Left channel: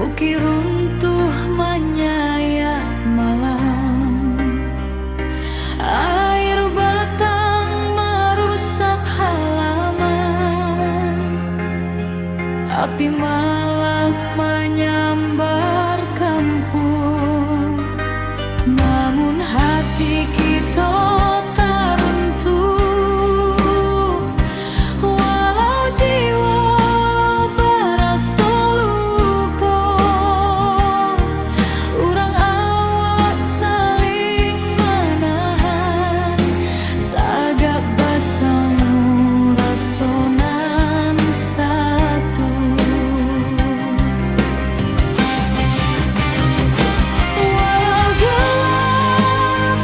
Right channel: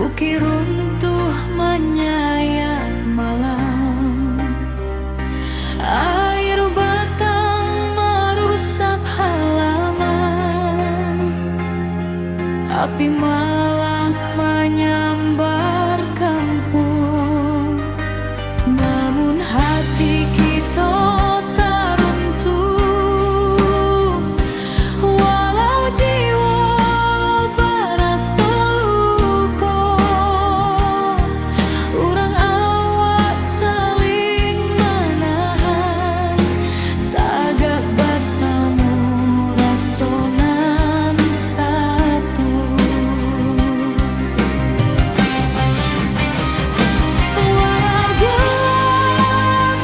bukit runtuh menyayat malam. Air batang merusak halaman, api malam menyambar kampung. Namun hati kita tak runtuh, walau jiwa berasa luka. Urang awak saling menahan, tagak basamu rasonan satu. Walau gelap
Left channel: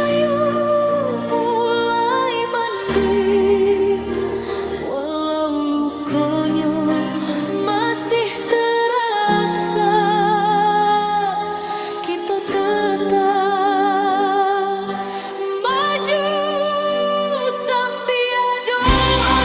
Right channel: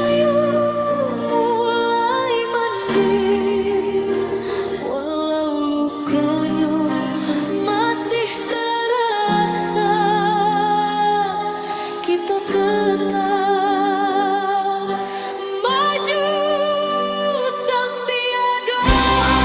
rahayu mulai mending, walau lukonyo masih terasa, kita tetap maju sambil doa.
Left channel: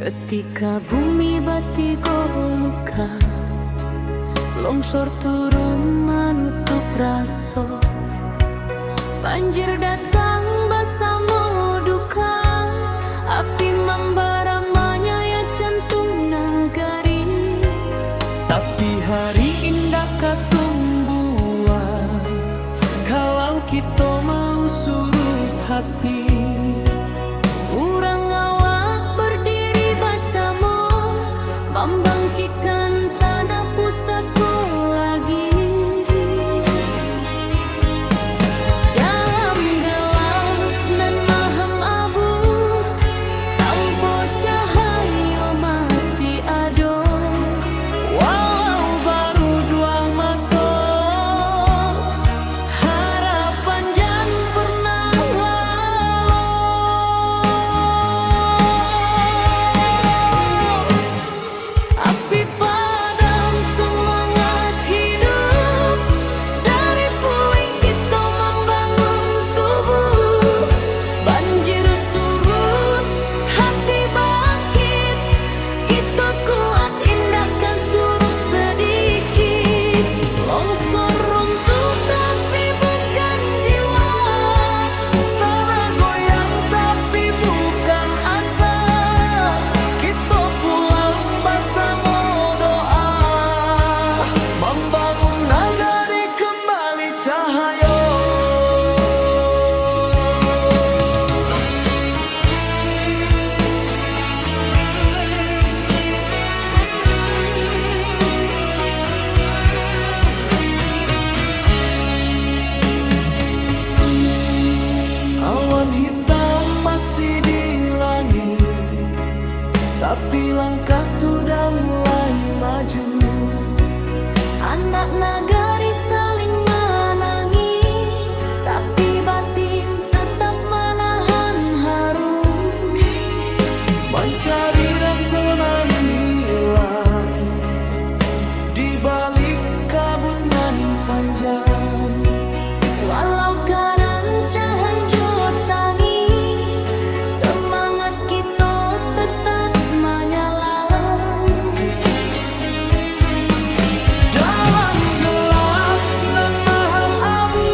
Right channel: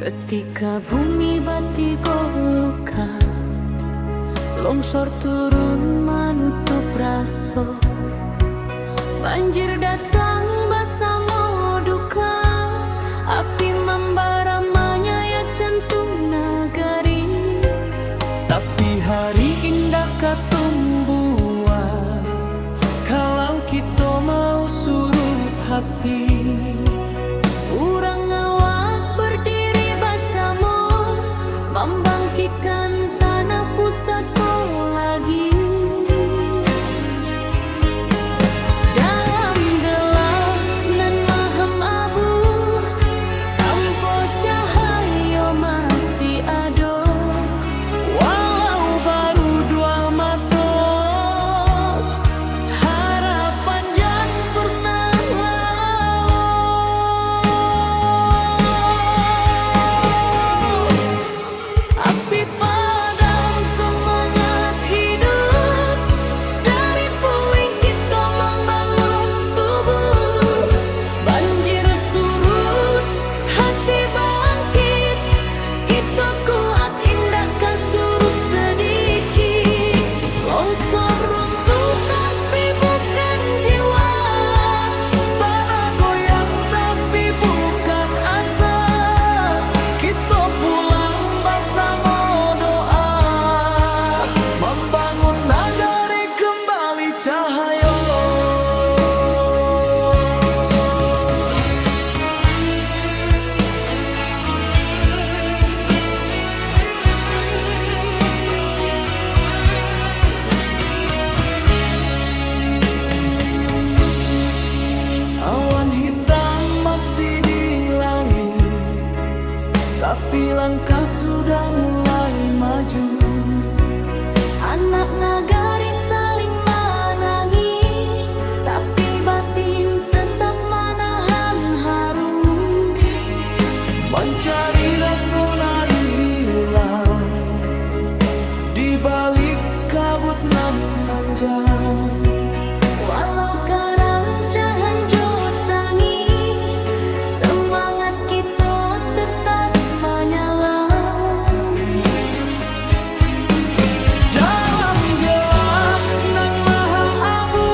Ketika bumi batigo luka, longsor turun menutup raso, banjir datang bersama duka, api membara menyayat jantung nagari. Tapi hari indah katumbuhan, kalau kita mau surut hati. Urang awak berdiri bersama, membangkitkan tanah pusatku lagi. Dalam gelap nan maham abu, tanpa cahaya masih ada. Walau baru dua mata, harapan jan pernah lalu. Api padam semangat hidup, dari puing kita membangun tubuh. Banjir surut, hati bangkit, kita kuat indahkan surut sedikit. Longsor runtuh tapi bukan jiwa, Tanah goyang tapi bukan asa, kita pulang bersama doa, membangun nagari kembali cahaya. Awan hitam masih di langit, tapi langkah sudah mulai maju. anak nagari saling menangi, tapi batin tetap menahan haru. Mencari rasa nan hilang di balik kabut nan panjang. Walau karancahan jotangi, semangat kita tetap menyala. Dalam gelap nan maham abu,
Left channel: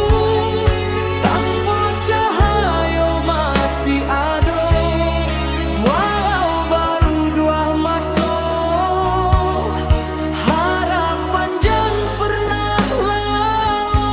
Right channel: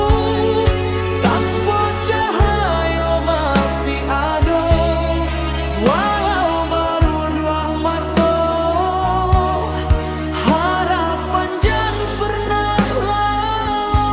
tanpa cahaya masih ada. Walau baru dua mata, harapan jan pernah lalu.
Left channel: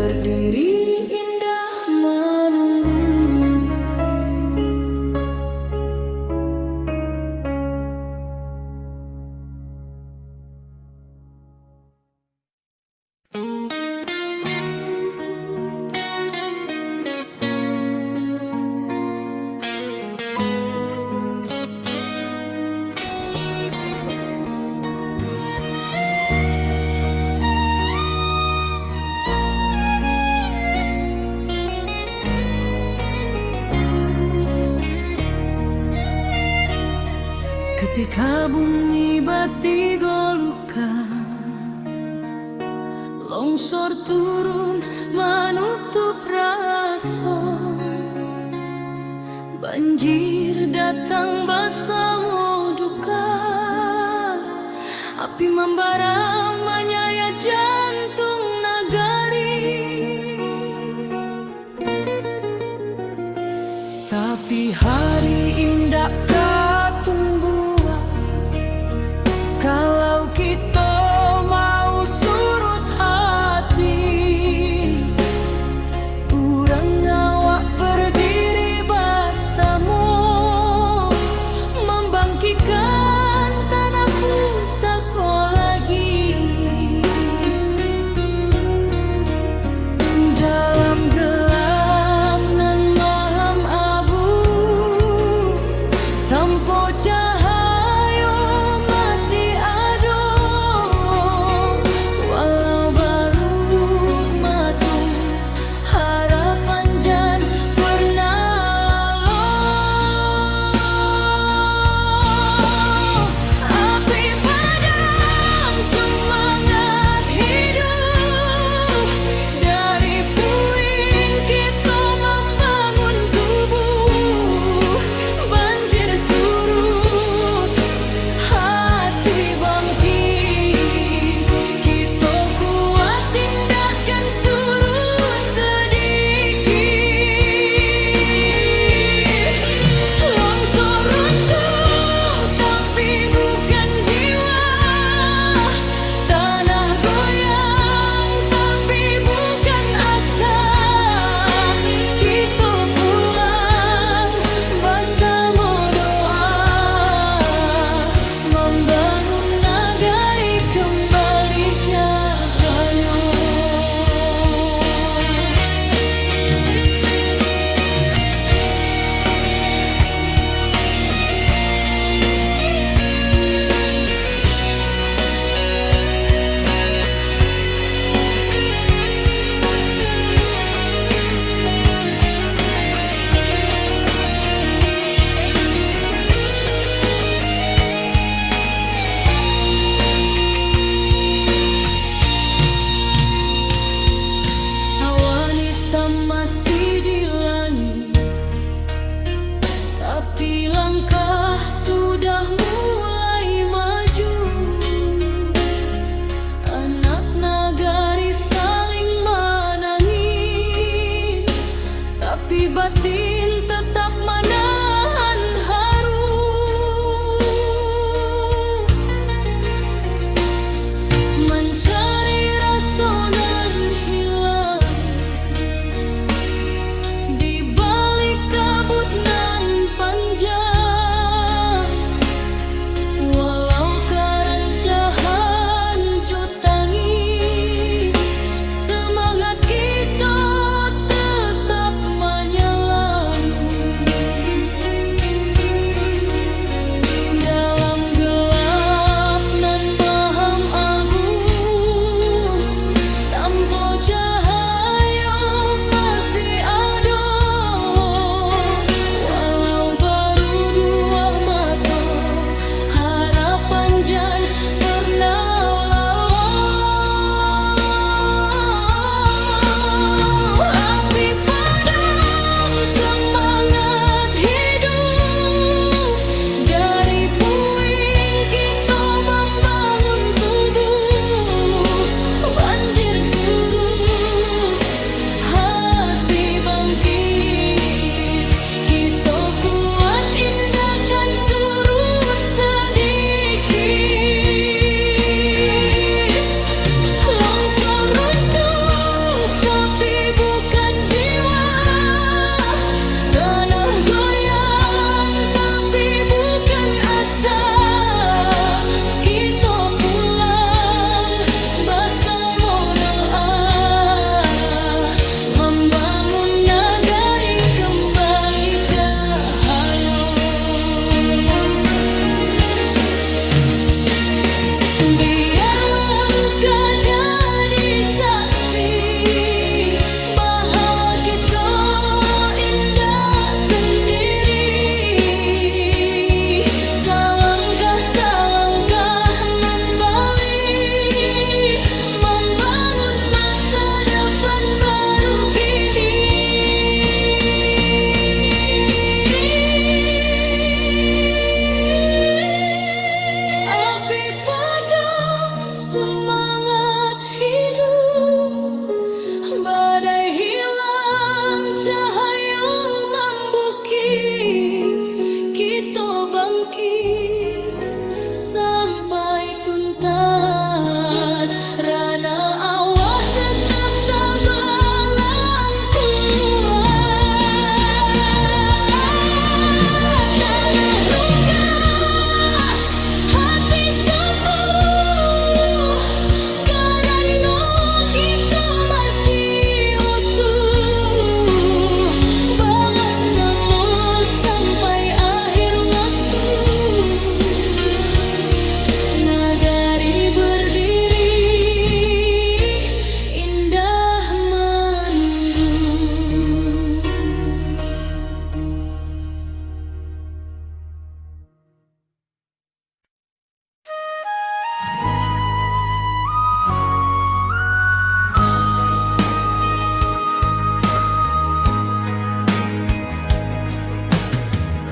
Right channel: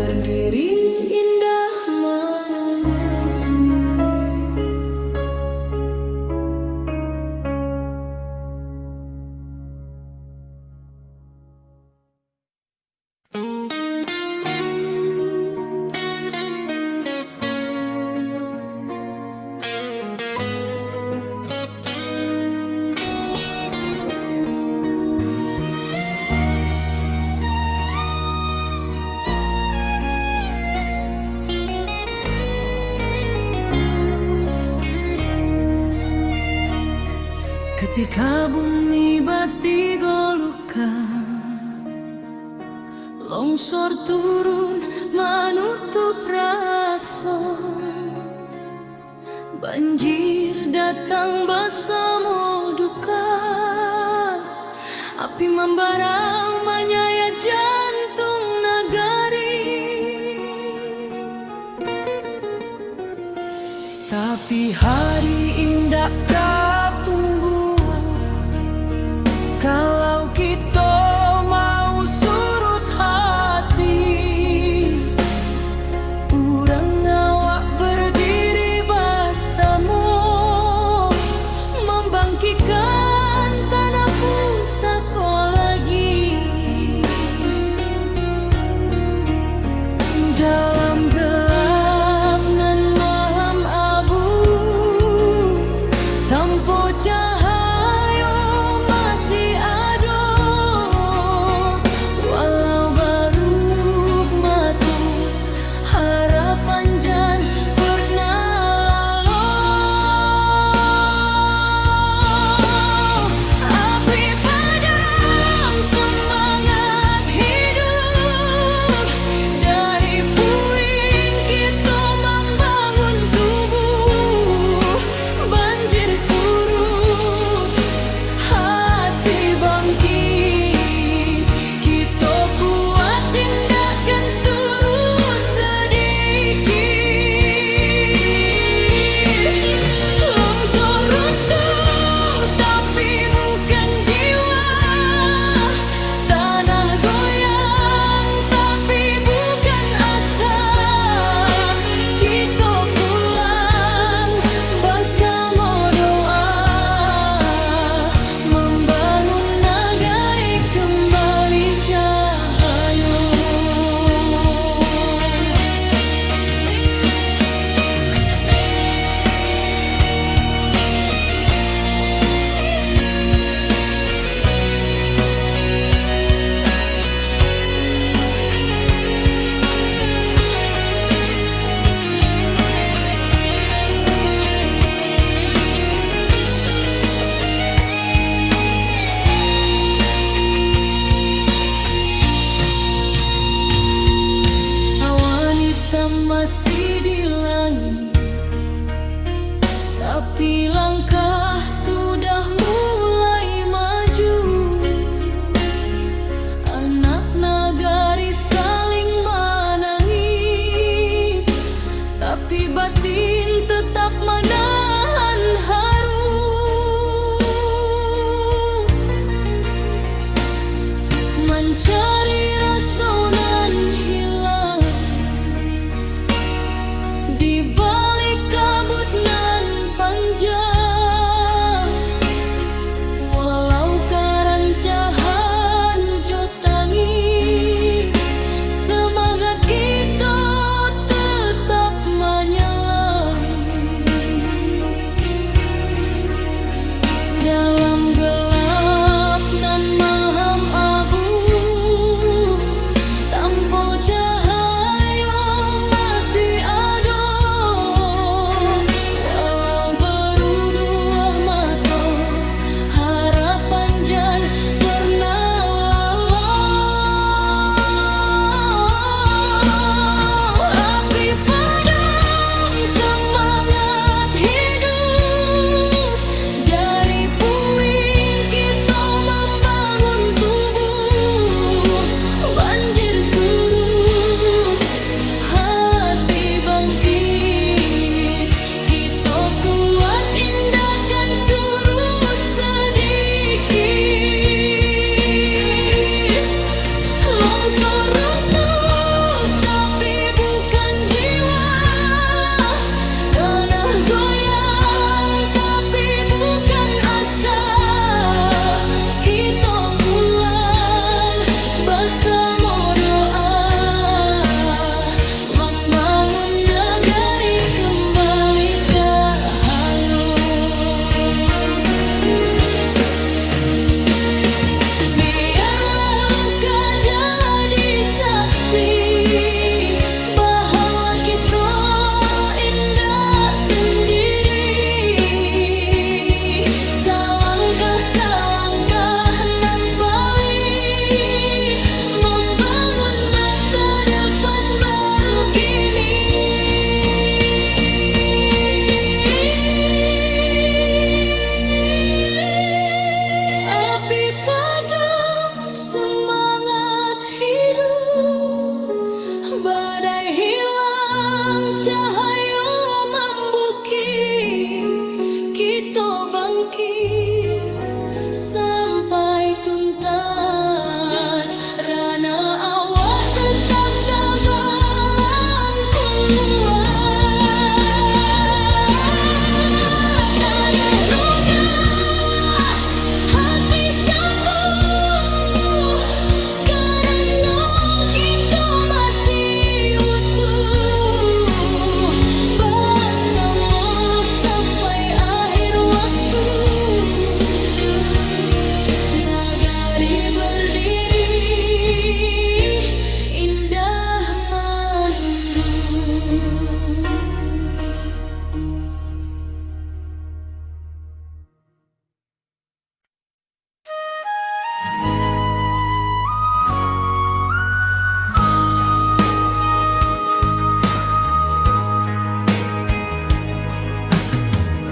berdiri indah menunggu. Ketika bumi bati golukan, longsor turun menutup rason, banjir datang bersama duka, api membara menyayat jantung nagari. Tapi hari indah kapung kalau kita mau surut hati, urang awak berdiri bersama, membangkitkan tanah pusaka lagi. Dalam gelap nan malam abu, tanpa cahaya masih di langit, tapi langkah sudah mulai maju. Anak nagari saling menangis, tapi batin tetap menahan haru. Mencari rasa nan hilang di balik kabut nan panjang, bangkit sampai tuntas. Rana awak tetap tabalang kuat. Tanah luka, hati sembuh, karena kita masih utuh bersama sampai akhir waktu. Nagari berdiri, indah menunggu.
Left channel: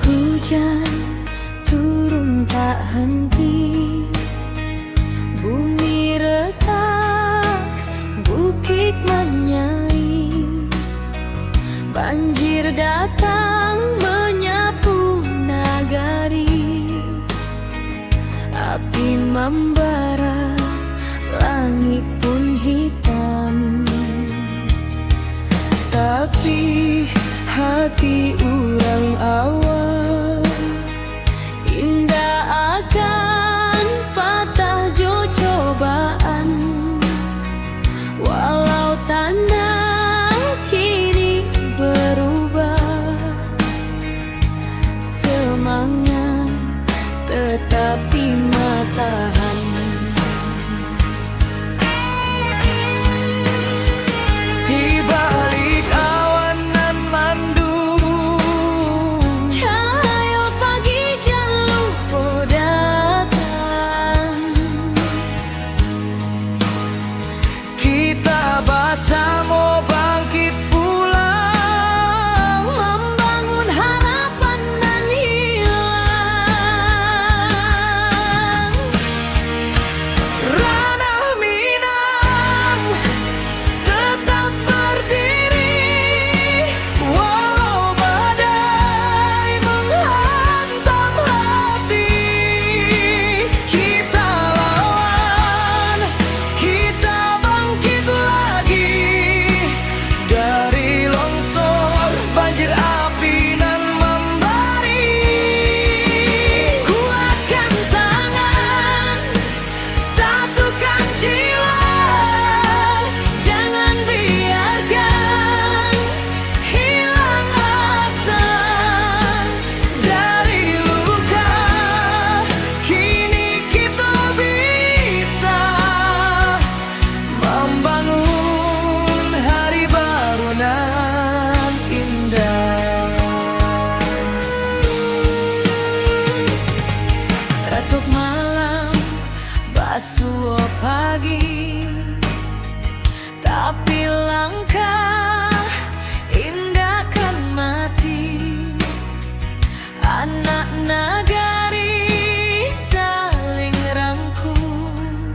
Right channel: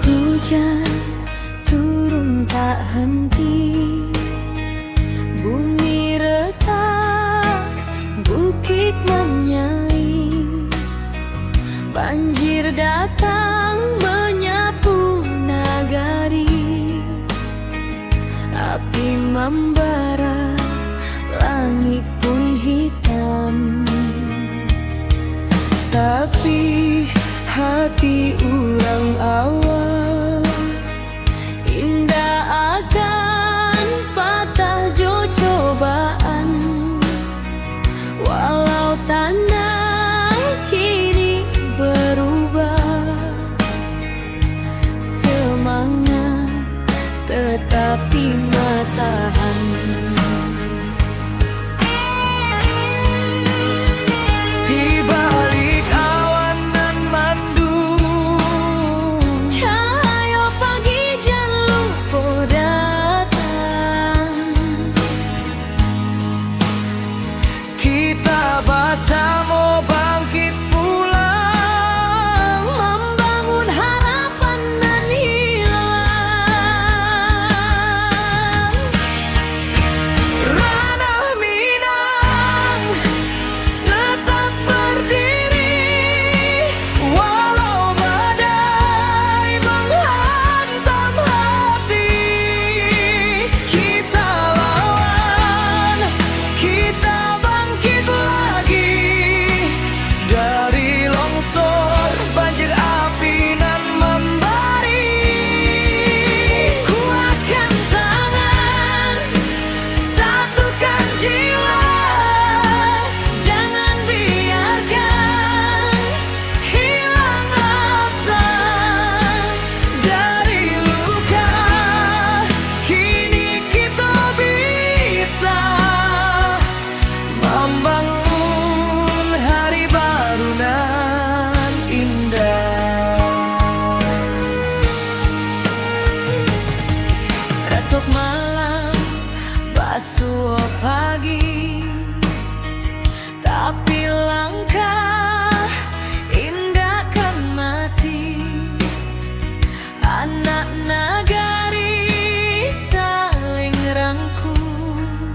Hujan turun tak henti, bumi retak, bukit menyai. Banjir datang menyapu nagari, api membara, langit pun hitam. Tapi hati urang awal indah akan patah jo cobaan. Walau tanah kini berubah, semangat tetapi matahan. Di balik awan nan mandung, Cahaya pagi jan lupa datang. kita bersama bangkit pulang, Membangun harapan nan hilang. ranah Minang tetap berdiri, walau badai menghantam hati. Kita lawan, kita bangkit lagi dari longsor, banjir api nan membari. Kuatkan tangan, satukan jiwa, jangan biarkan hilang asa. Dari luka, kini kita bisa membangun hari baru nan indah. Retuk malam, basuh pagi, tapi langkah indah kan mati. Anak nagari saling rangkul,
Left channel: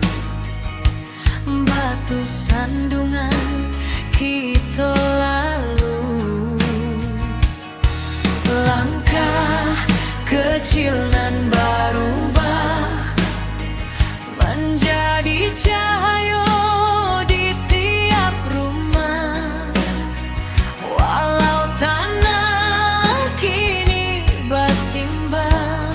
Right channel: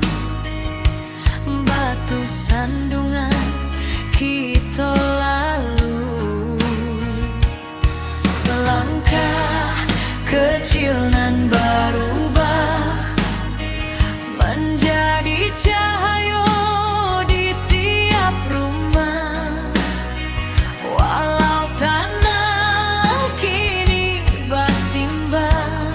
batu sandungan kita lalu. Langkah kecil nan berubah menjadi cahaya di tiap rumah. Walau tanah kini bersimbah,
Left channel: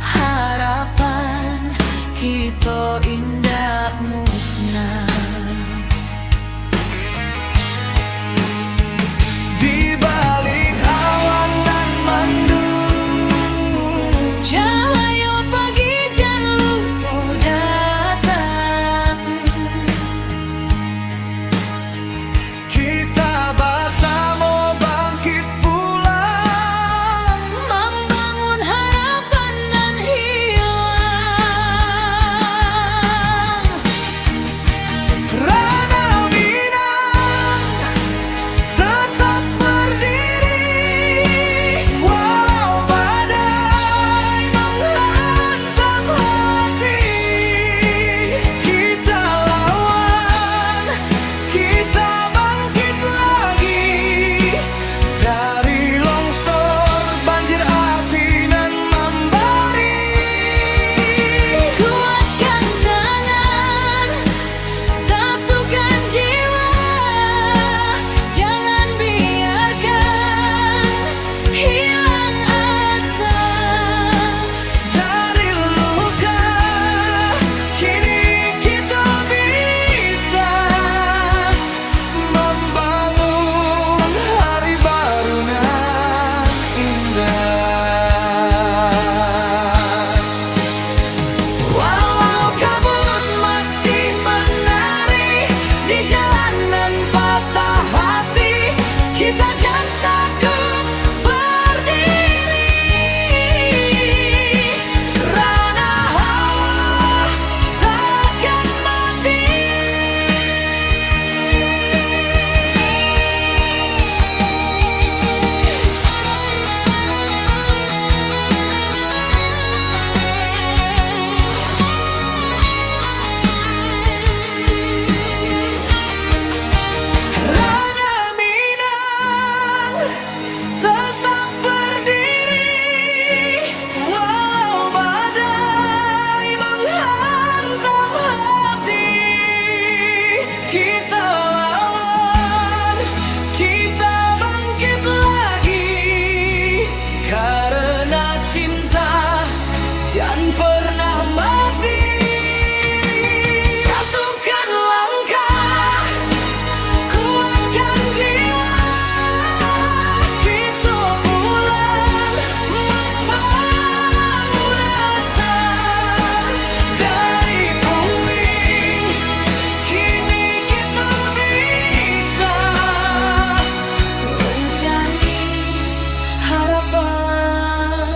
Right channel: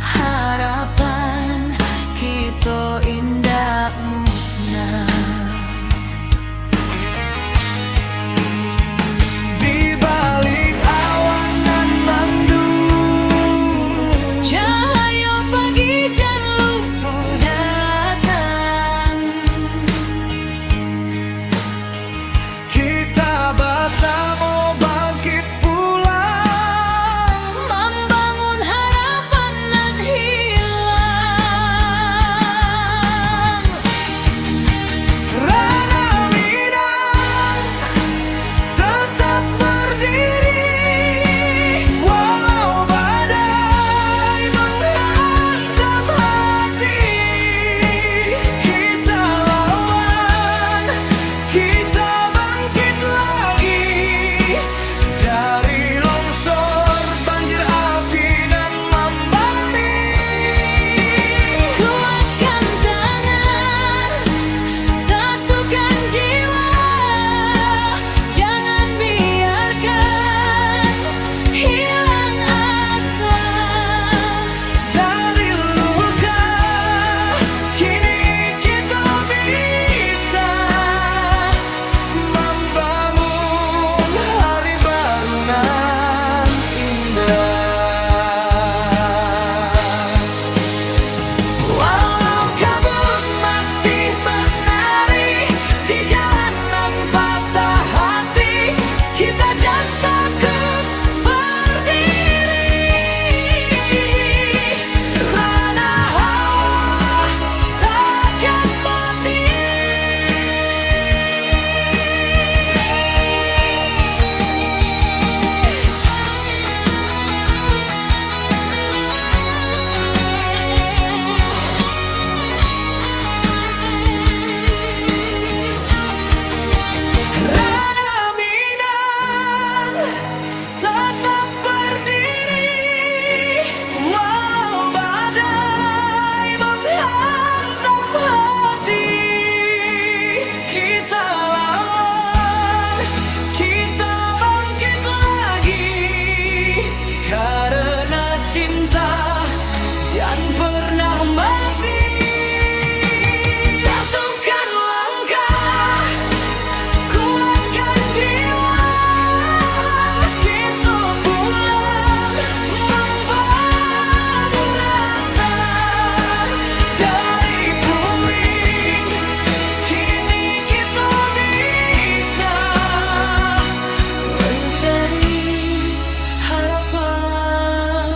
harapan kita indah musnah. Di balik awan nan mandung, pernah mati. Satukan langkah, kuatkan jiwa, kita pulang membangun asa. Dari puing, kini kita bisa mencari harapan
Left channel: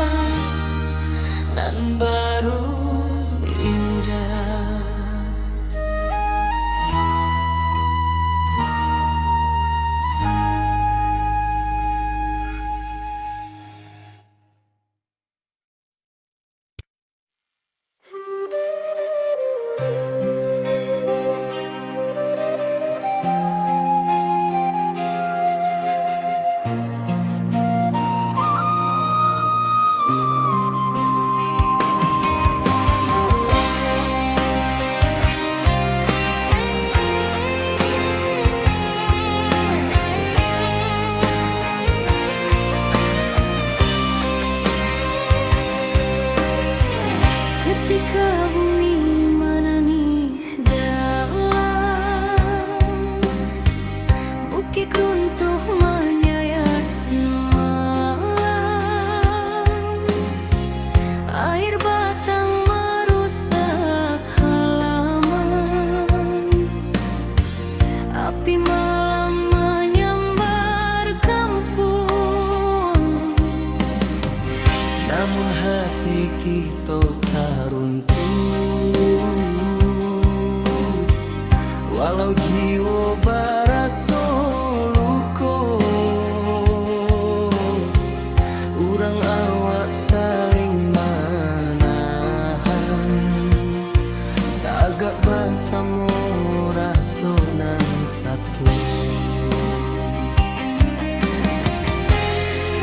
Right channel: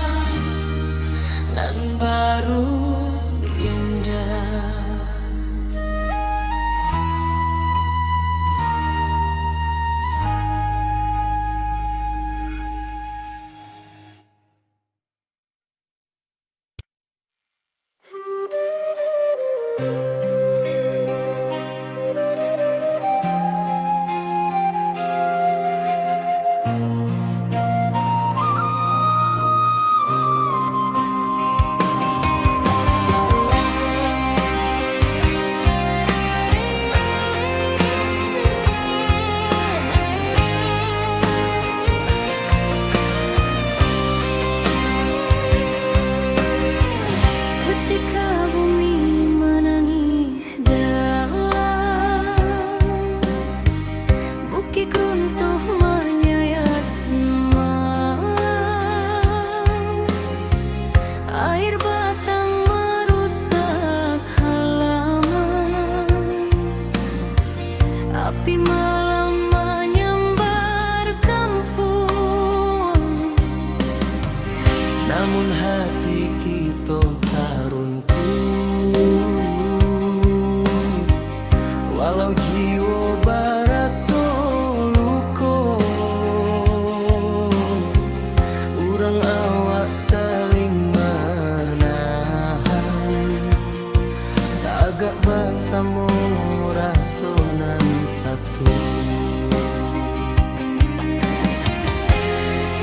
nan baru indah. Ketika bumi menangis dalam, bukit runtuh menyayat malam, air batang merusak halaman, api malam menyambar kampung. Namun hati kita tak runtuh, walau jiwa barasa luka. Urang awak saling menahan, tagak bersama rasonan satu.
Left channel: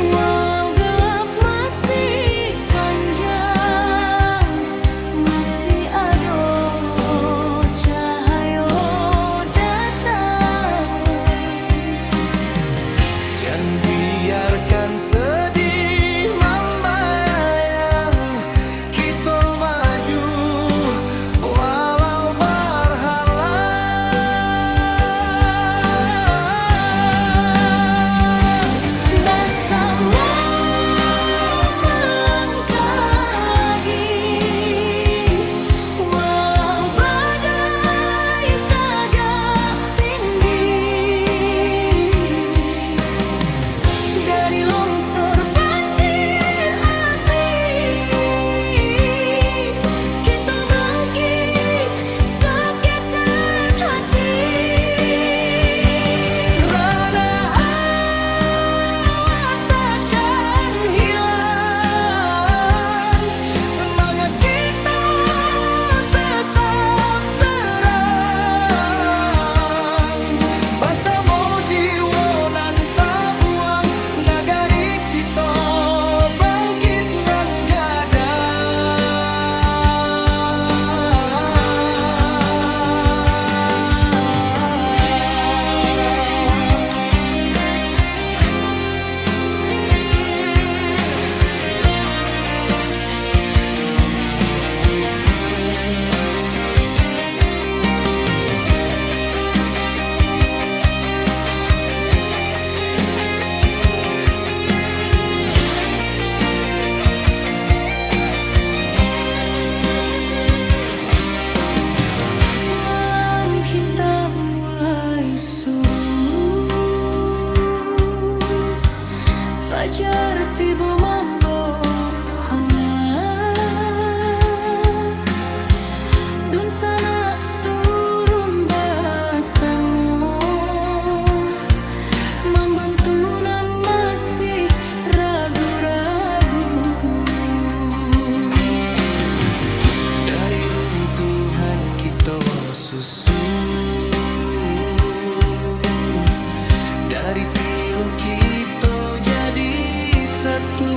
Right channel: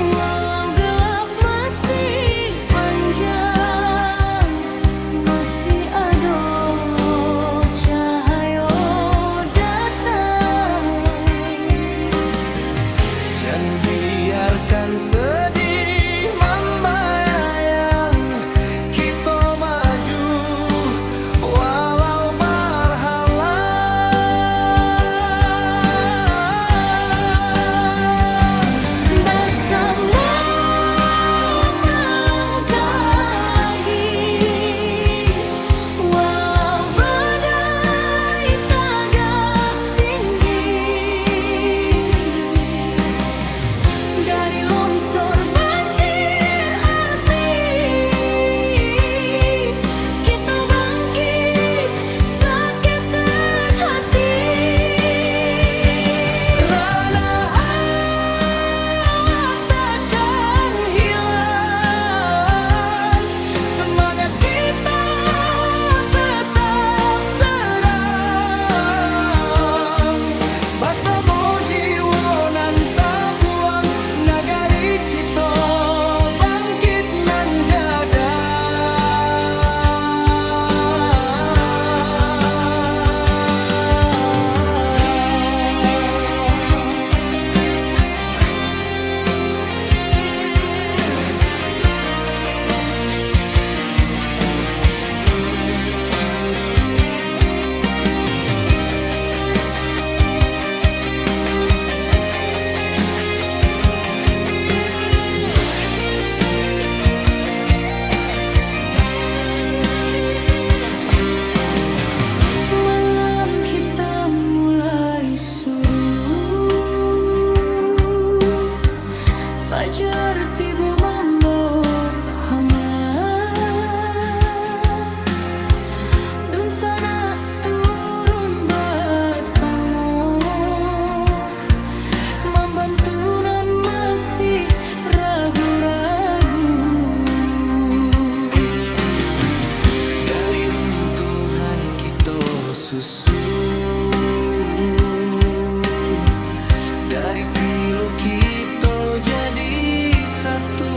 Walau gelap masih panjang, masih ada cahaya datang. Jangan biarkan sedih membayang, kita maju walau berhalang. Bersama melangkah lagi, walau badai tagak tinggi. Dari longsor banjir api, kita bangkit sakitkan hati. Rana awak takkan hilang, semangat kita tetap terang. Bersama jiwa nan tak buang, nagari kita bangkit nan gadang. Malam hitam mulai surut, fajar tiba membawa hangat. Dun sana turun bersama, membantu nan masih ragu-ragu. Dari runtuhan kita susun, dari pilu kita jadi satu.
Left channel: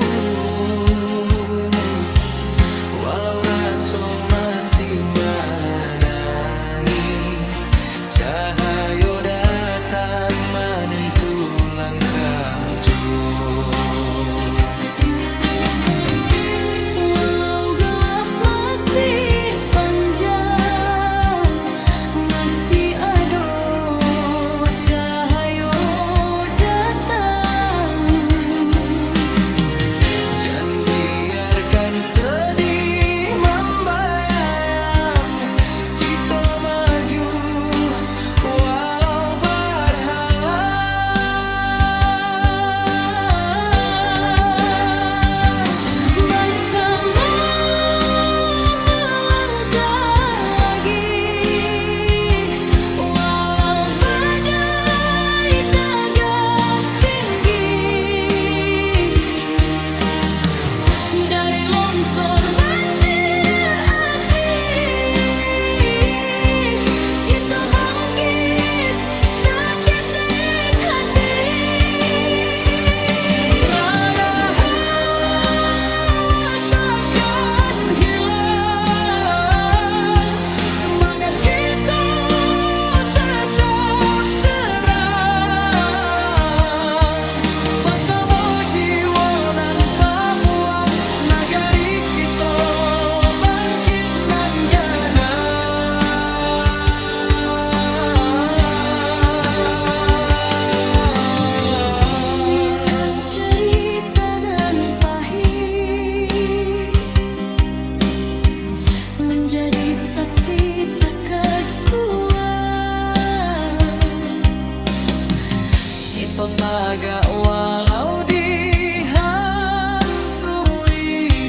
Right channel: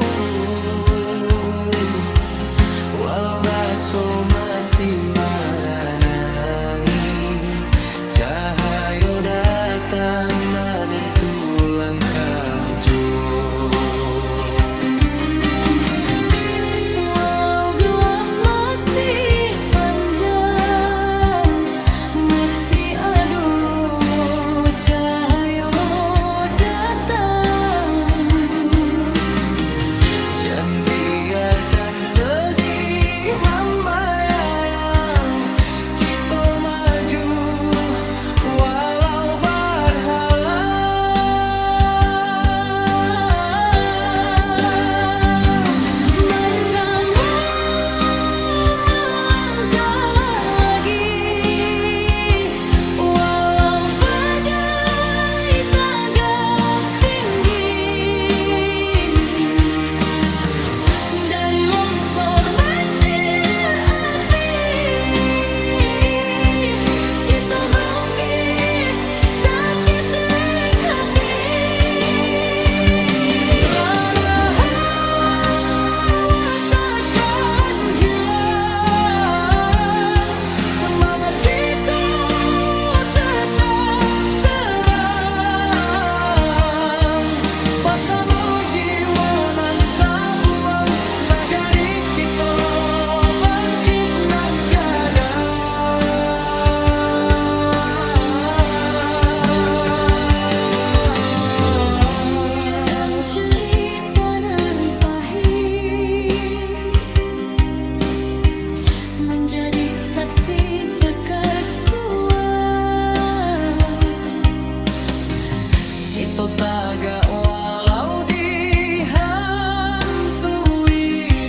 Walau rasa masih menangi, cahaya datang menentu langkah jua. Walau gelap jaga walau dihantui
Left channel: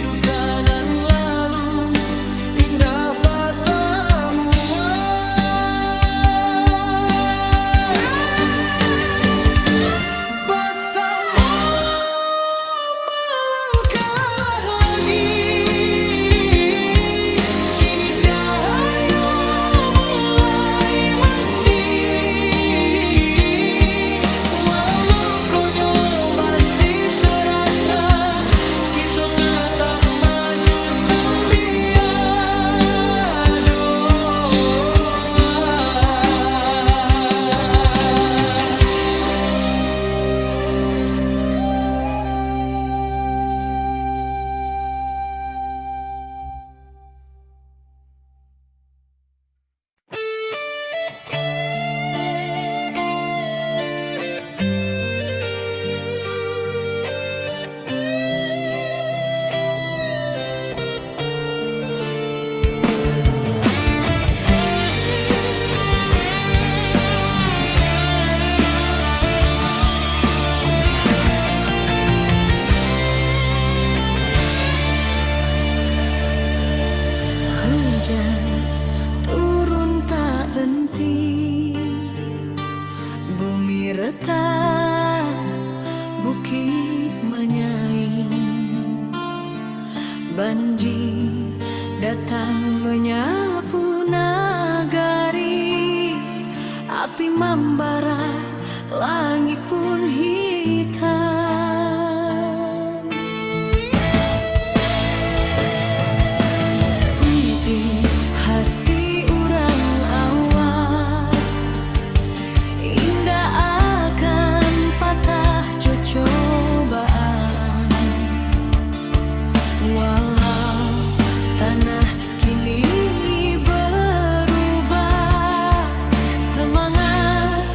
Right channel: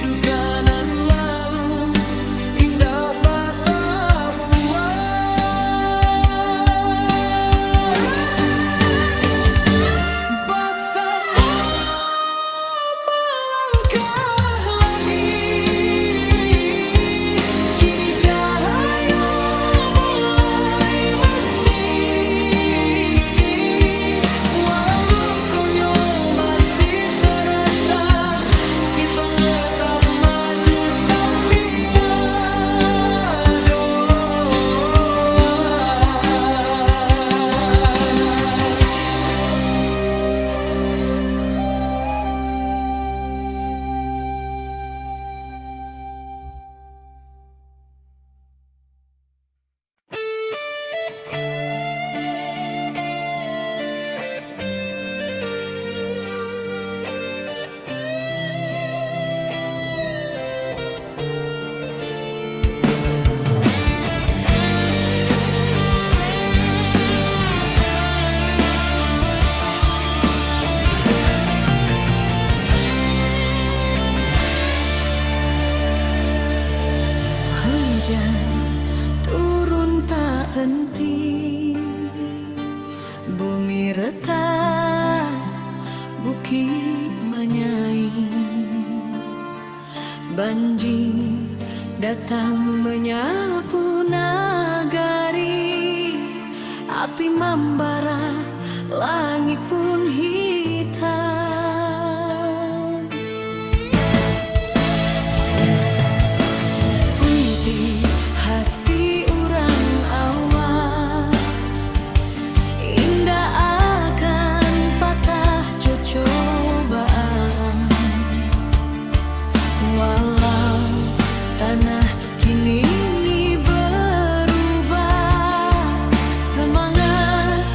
duka nan lalu indah batamu. Bersama melangkah lagi, kini cahaya mulai mending. Walau lukonya masih terasa, kita tetap maju sambil doa. Hujan turun tak henti, bumi retak, bukit menyaing. Banjir datang menyapu nagari, api membara, langit pun hitam. Puiti hati urang awak, indah akan patah cobaan. Walau tanah kini berubah, semangat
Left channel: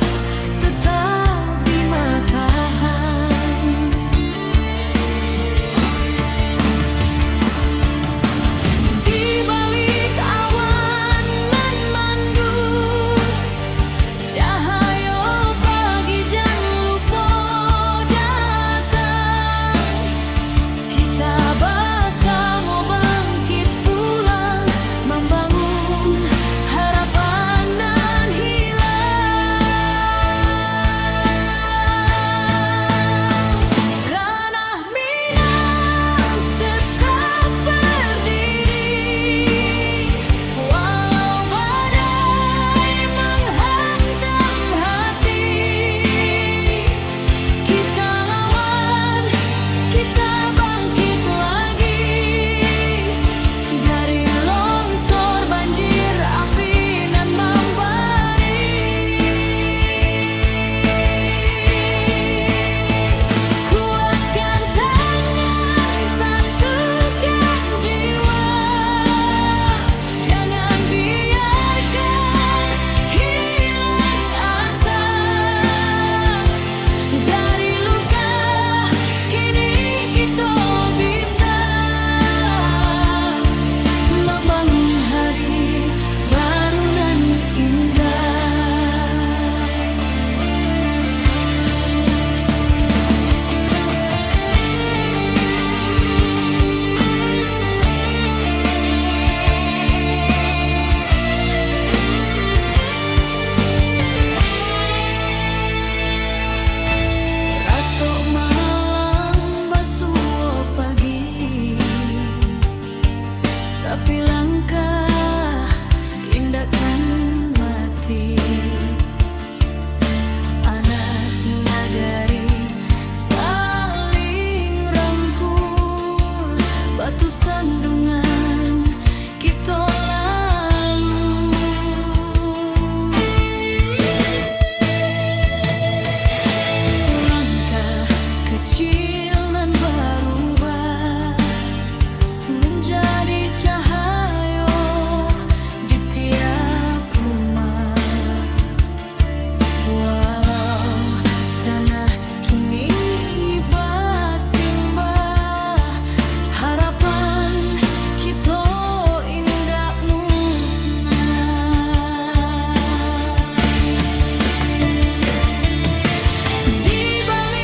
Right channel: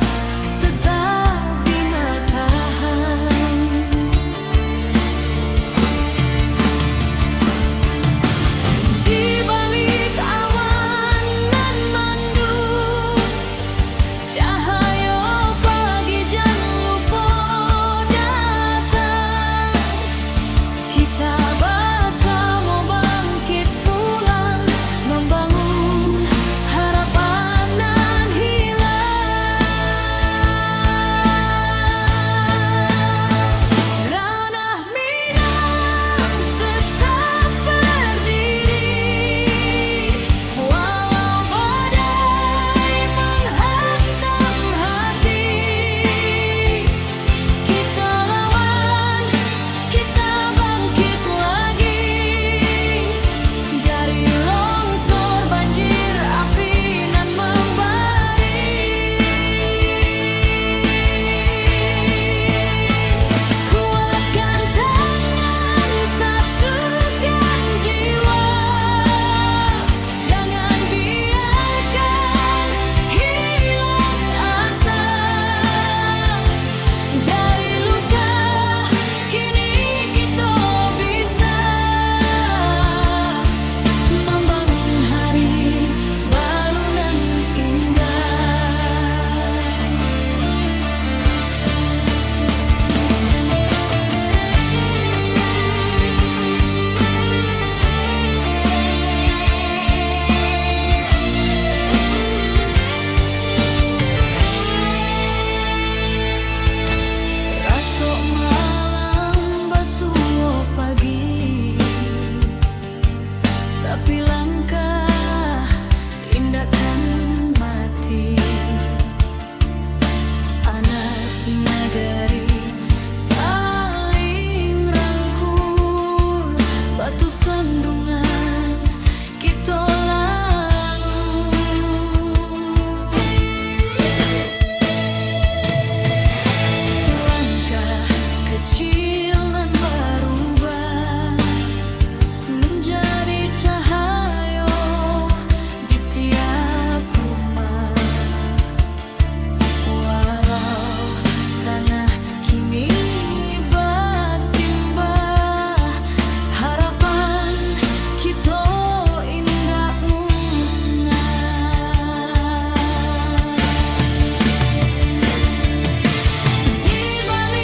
tetap di matahari. Di balik awan nan mendung, cahaya pagi jan lupa datang. Kita bersama bangkit pulang, membangun harapan nan hilang. Ranah Minang tetap berdiri, walau badai menghantam hati. Kita lawan, kita bangkit lagi, dari longsor banjir api nan membari. Kuatkan tangan, satukan jiwa, jangan biarkan hilang asa. Dari luka kini kita bisa membangun hari baru nan indah. Ratok malam basuh pagi, tapi langkah indah kan mati. Anak nagari saling rangkul, batu sandungan kita lalu. Langkah kecil nan berubah menjadi cahaya di tiap rumah. Walau tanah kini bersimbah, harapan kita indah musnah. Di balik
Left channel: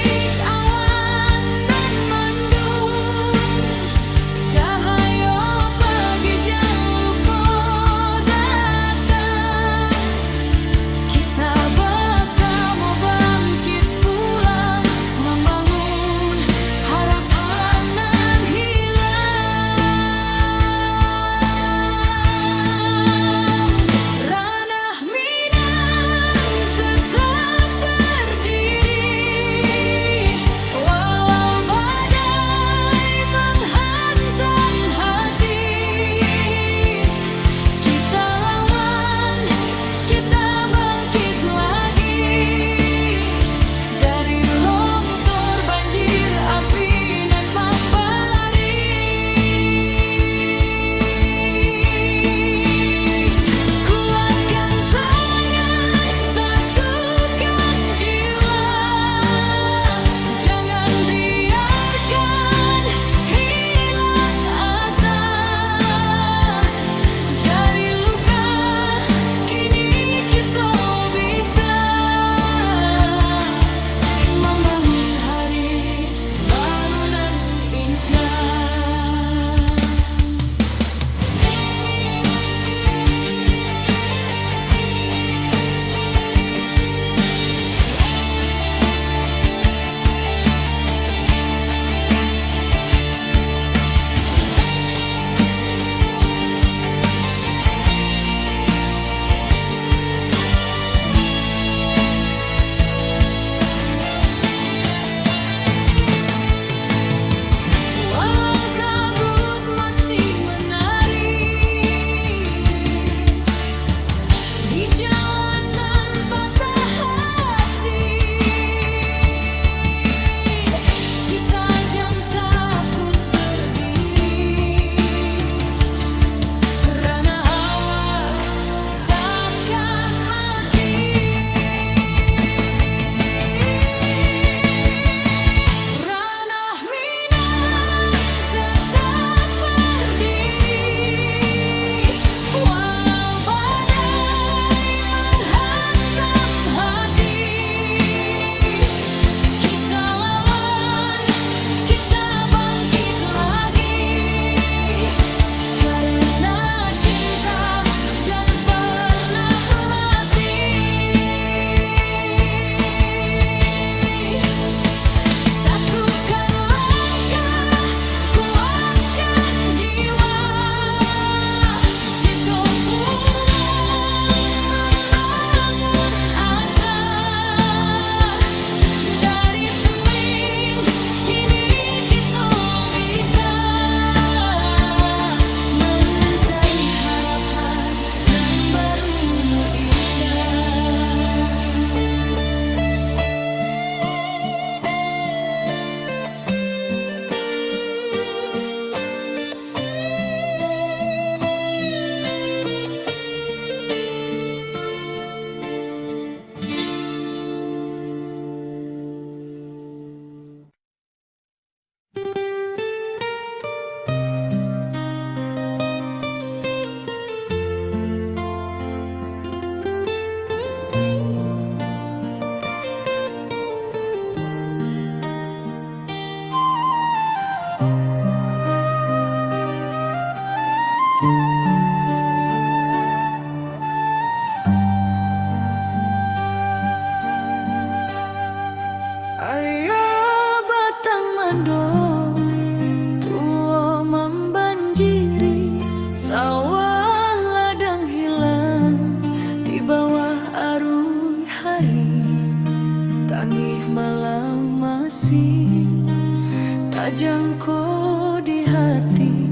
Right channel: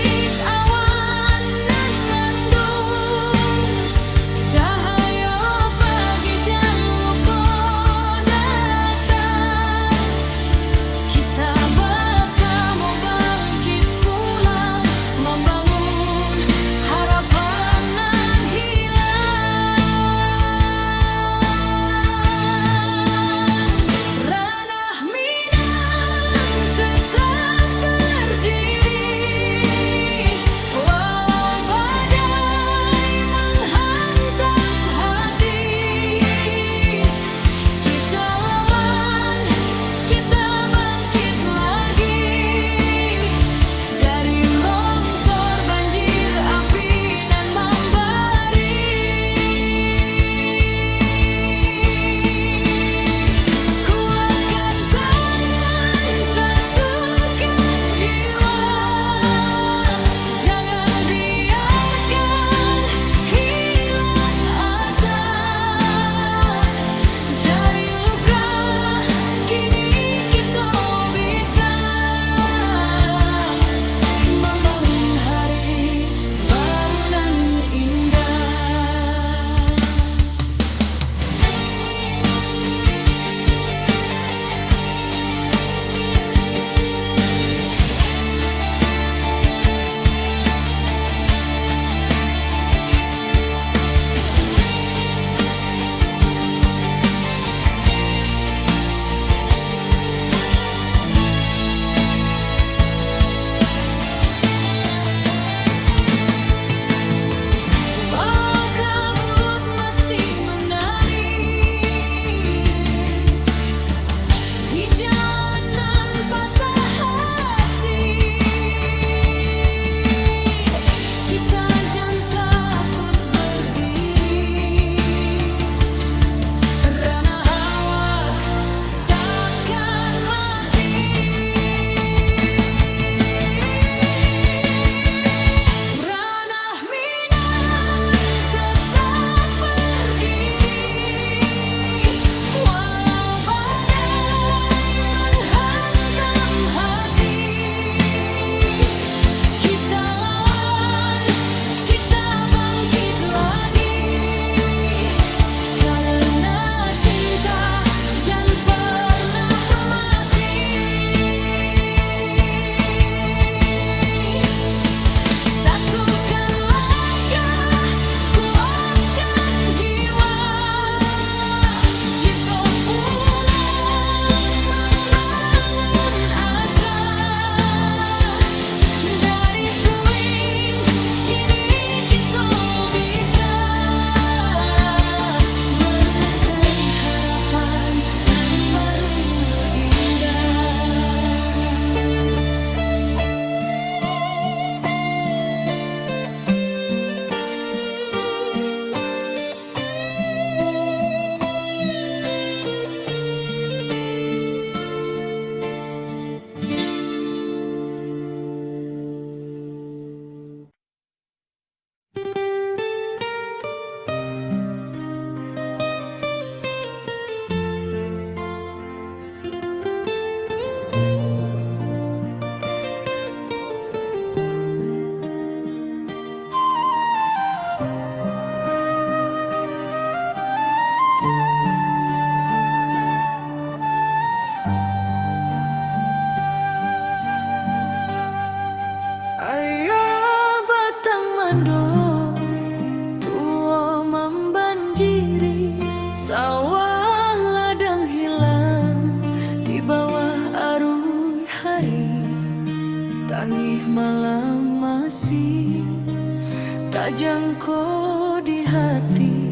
Pajangko di hati,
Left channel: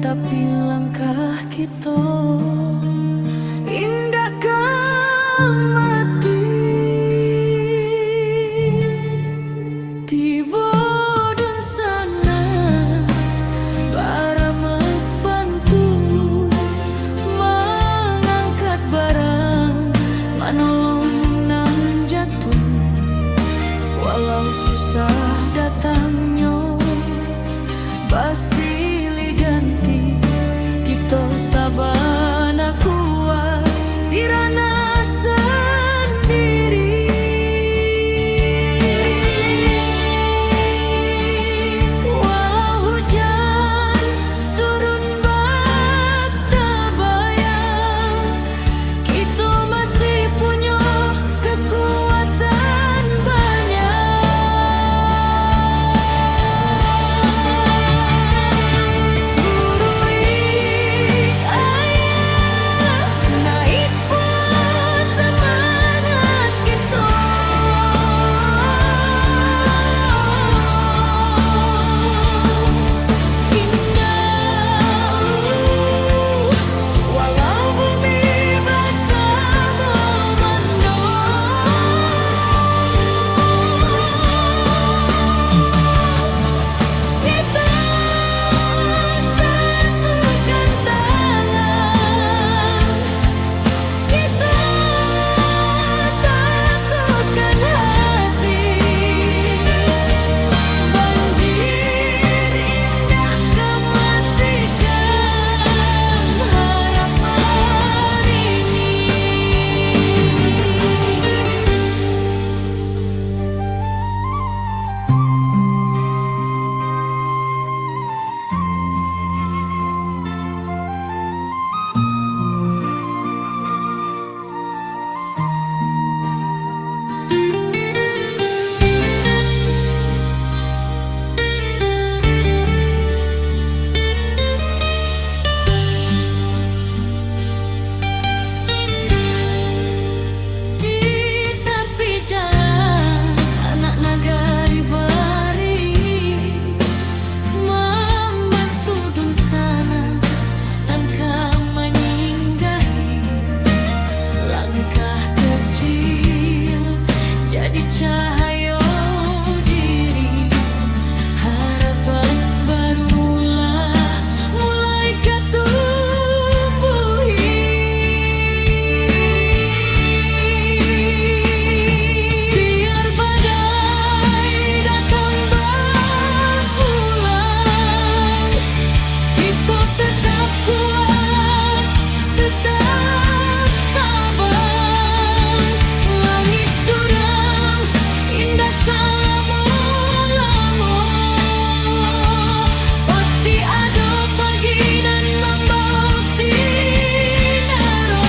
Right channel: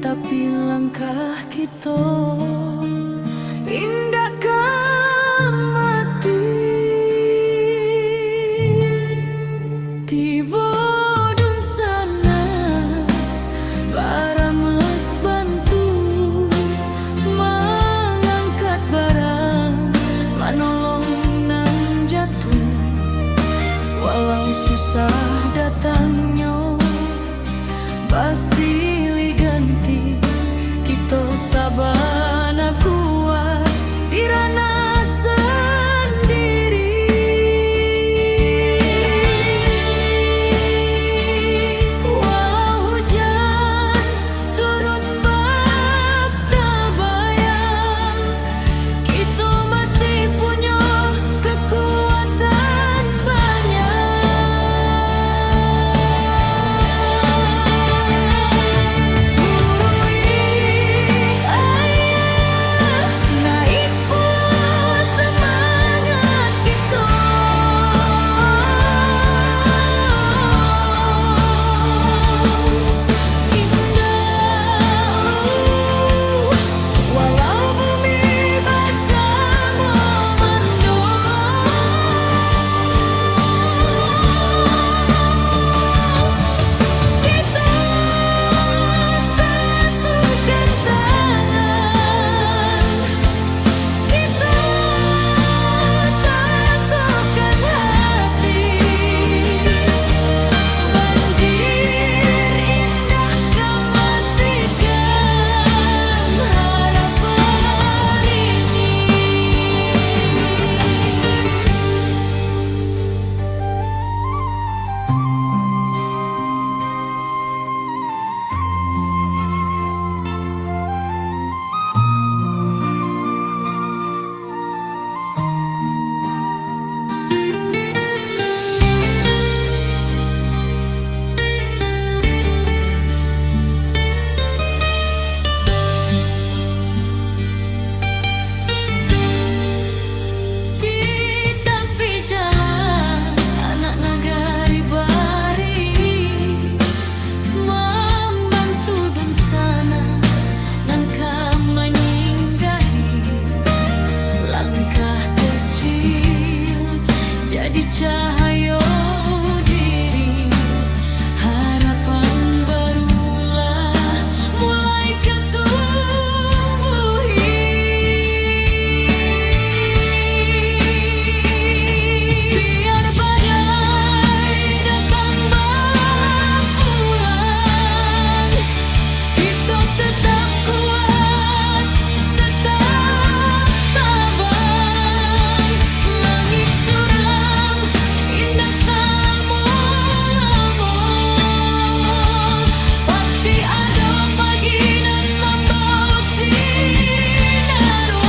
tapi langkah kita indah mati. Tiba dun sana baramek bantu mengangkat barang, manolong nang jatuh. Walau susah datangnya basilih ganti, kita sabana kuat dirana sendiri. Walau hujan turun bak tabayang, kita masih punya kekuatan banyak. Surui ayah naik pula semangat kita. Indah walau bumi basah memandang, kita satukan tangan, kita tatukan hati. Banjir indah kematikan harapan ini. Di tepi jalan anak nagari bari membantu dun sana langkah menyinggahi. Langkah kecil jadi cahaya diri, harapan barulah mulai ketumbuhi. Biar badai datang berulang, kita tetap kuat, tetap tabang. Langit suram indah selama-lama, pasti ada pagi nan membawa sinaro.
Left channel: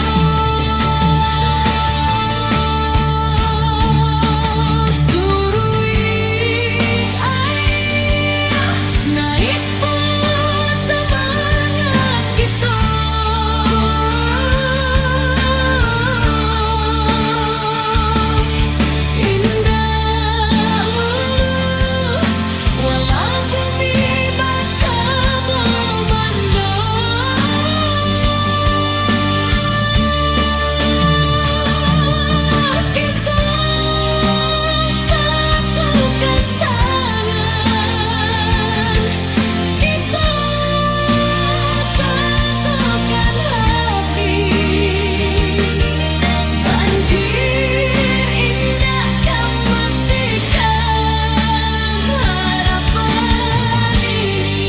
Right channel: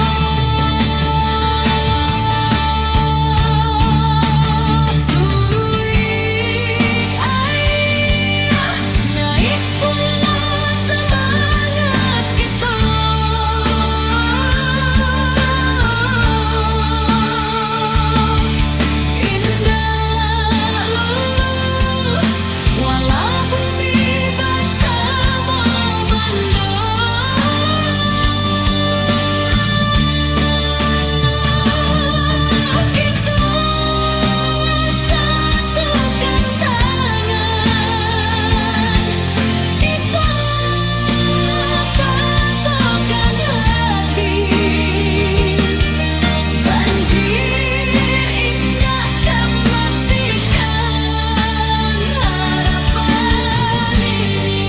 Suruik ayah naik pula semangat kita. Indah lulu walau bumi basah memandang, kita satukan tangan, kita tatukan hati. Banjir indah kematikan harapan ini.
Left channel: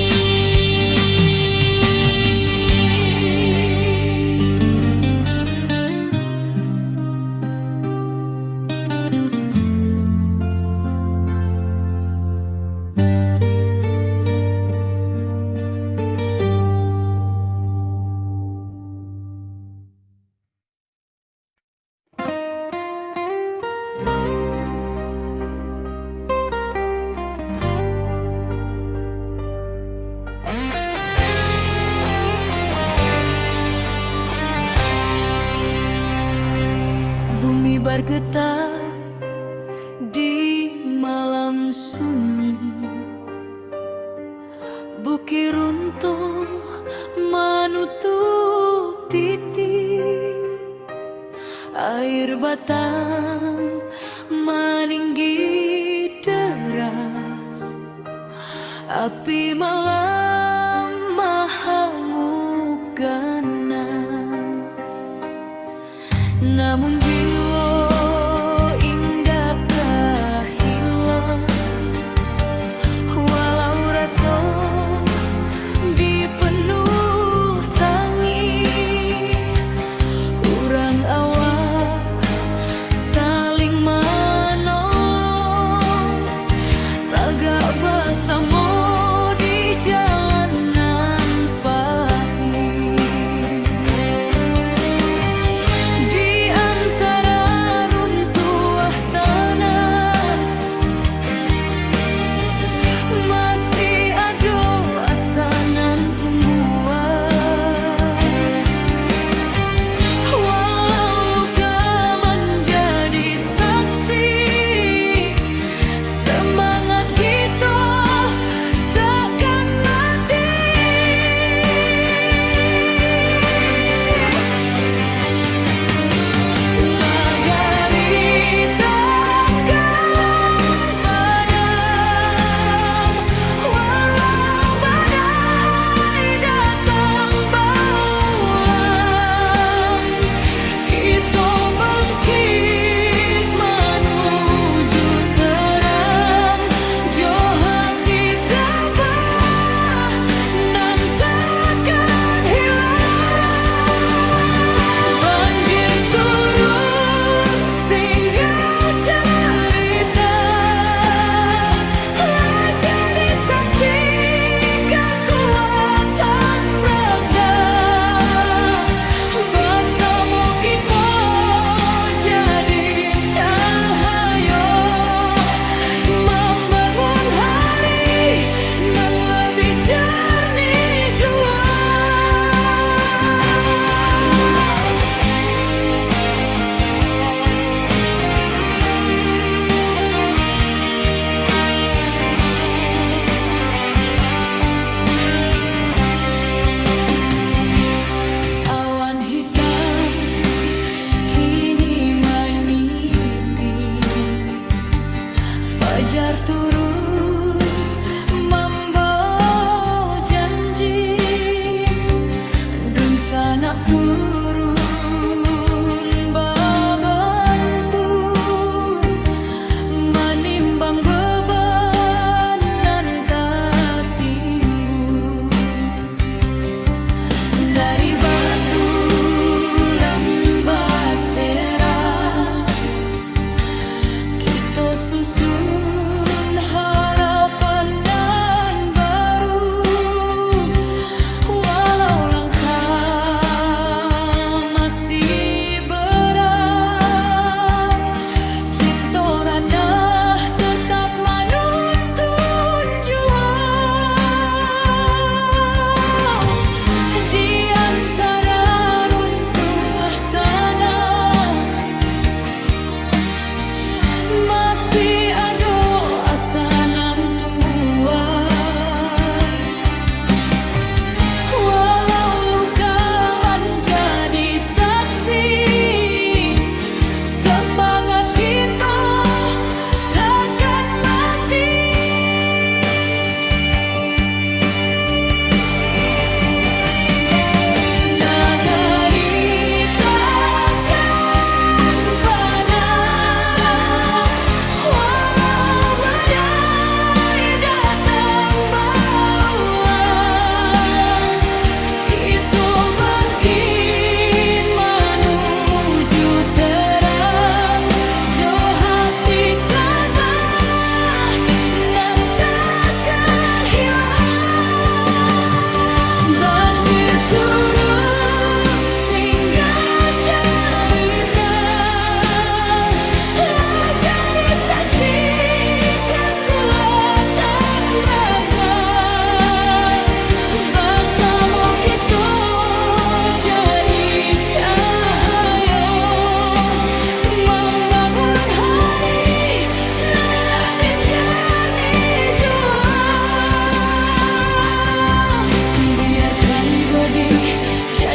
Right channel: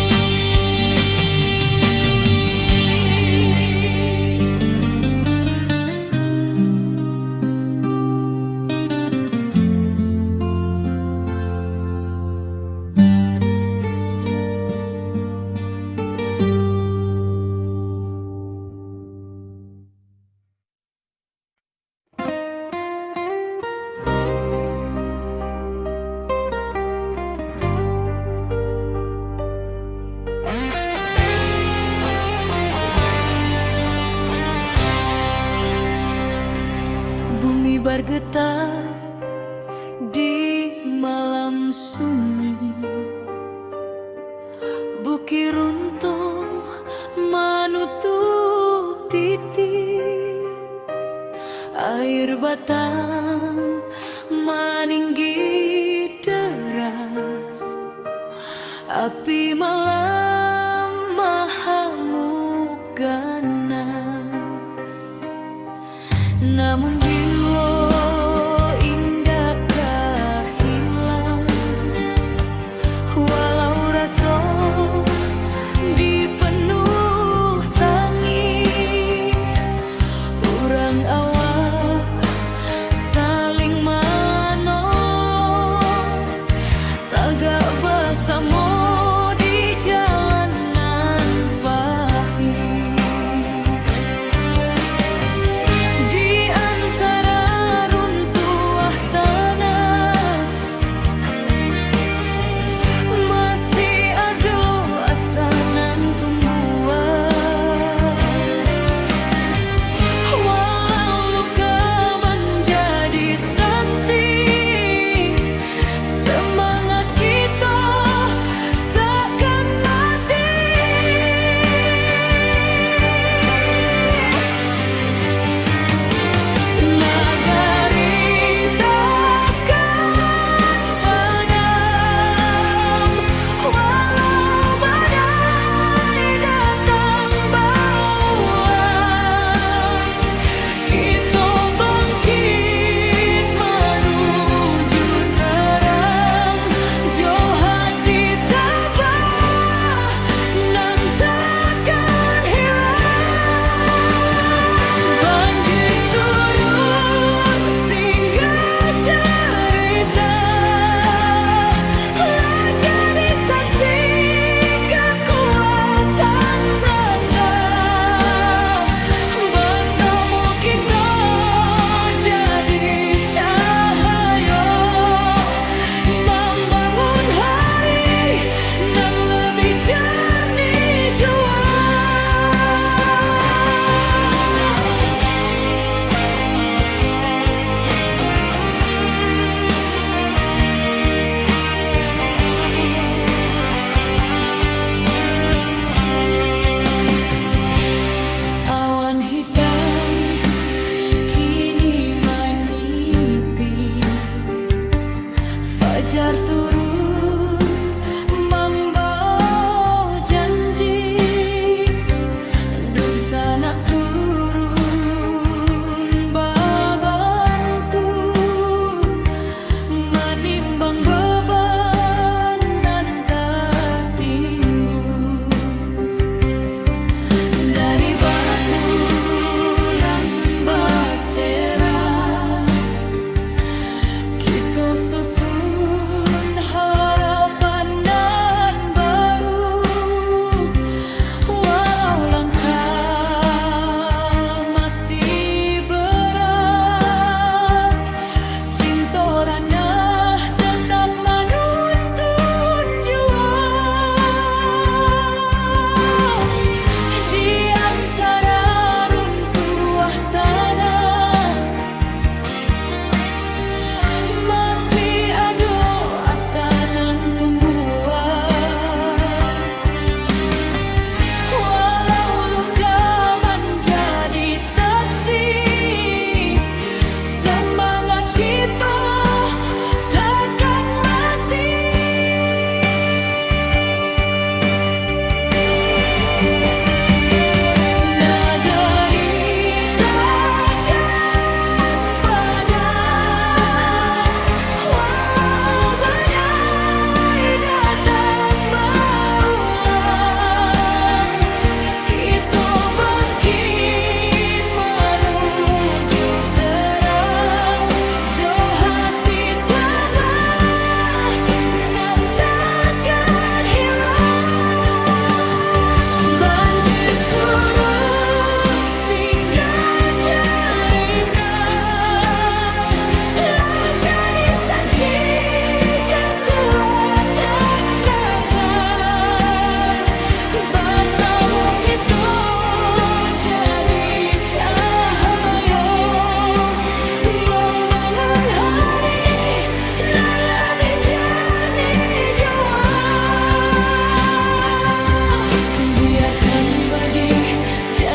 Bumi bergetar di malam sunyi, Bukit runtuh menutup titik, air batang meninggi deras, api malam mahamuk ganas. Namun jiwa indakkah hilang, walau rasa dipenuh tangis. Urang awak saling menolong, tagak bersama di jalanan pahit. Di antara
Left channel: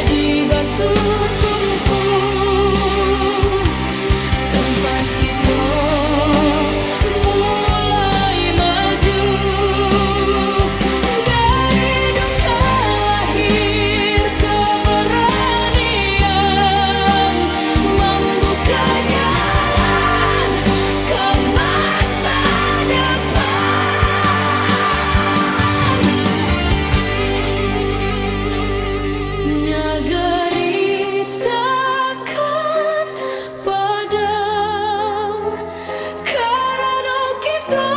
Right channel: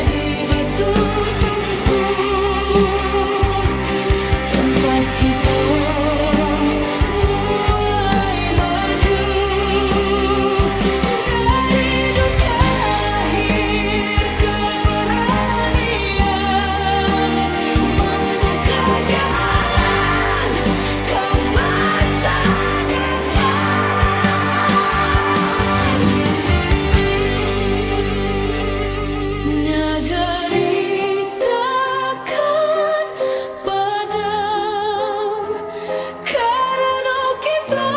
jadi batu tumpul, tempat kita mulai maju. Dari duka lahir keberanian, membuka jalan ke masa depan. Nagari takkan padam karena kita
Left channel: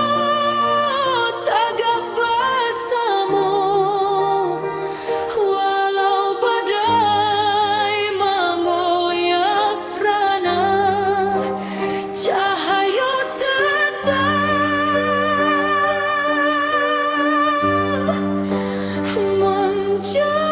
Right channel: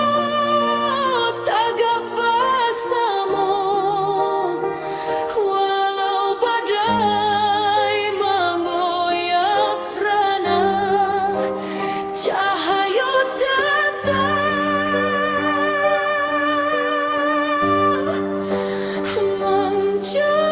tagak bersama. Walau badai menggoyak rana, cahaya tetap menjadi.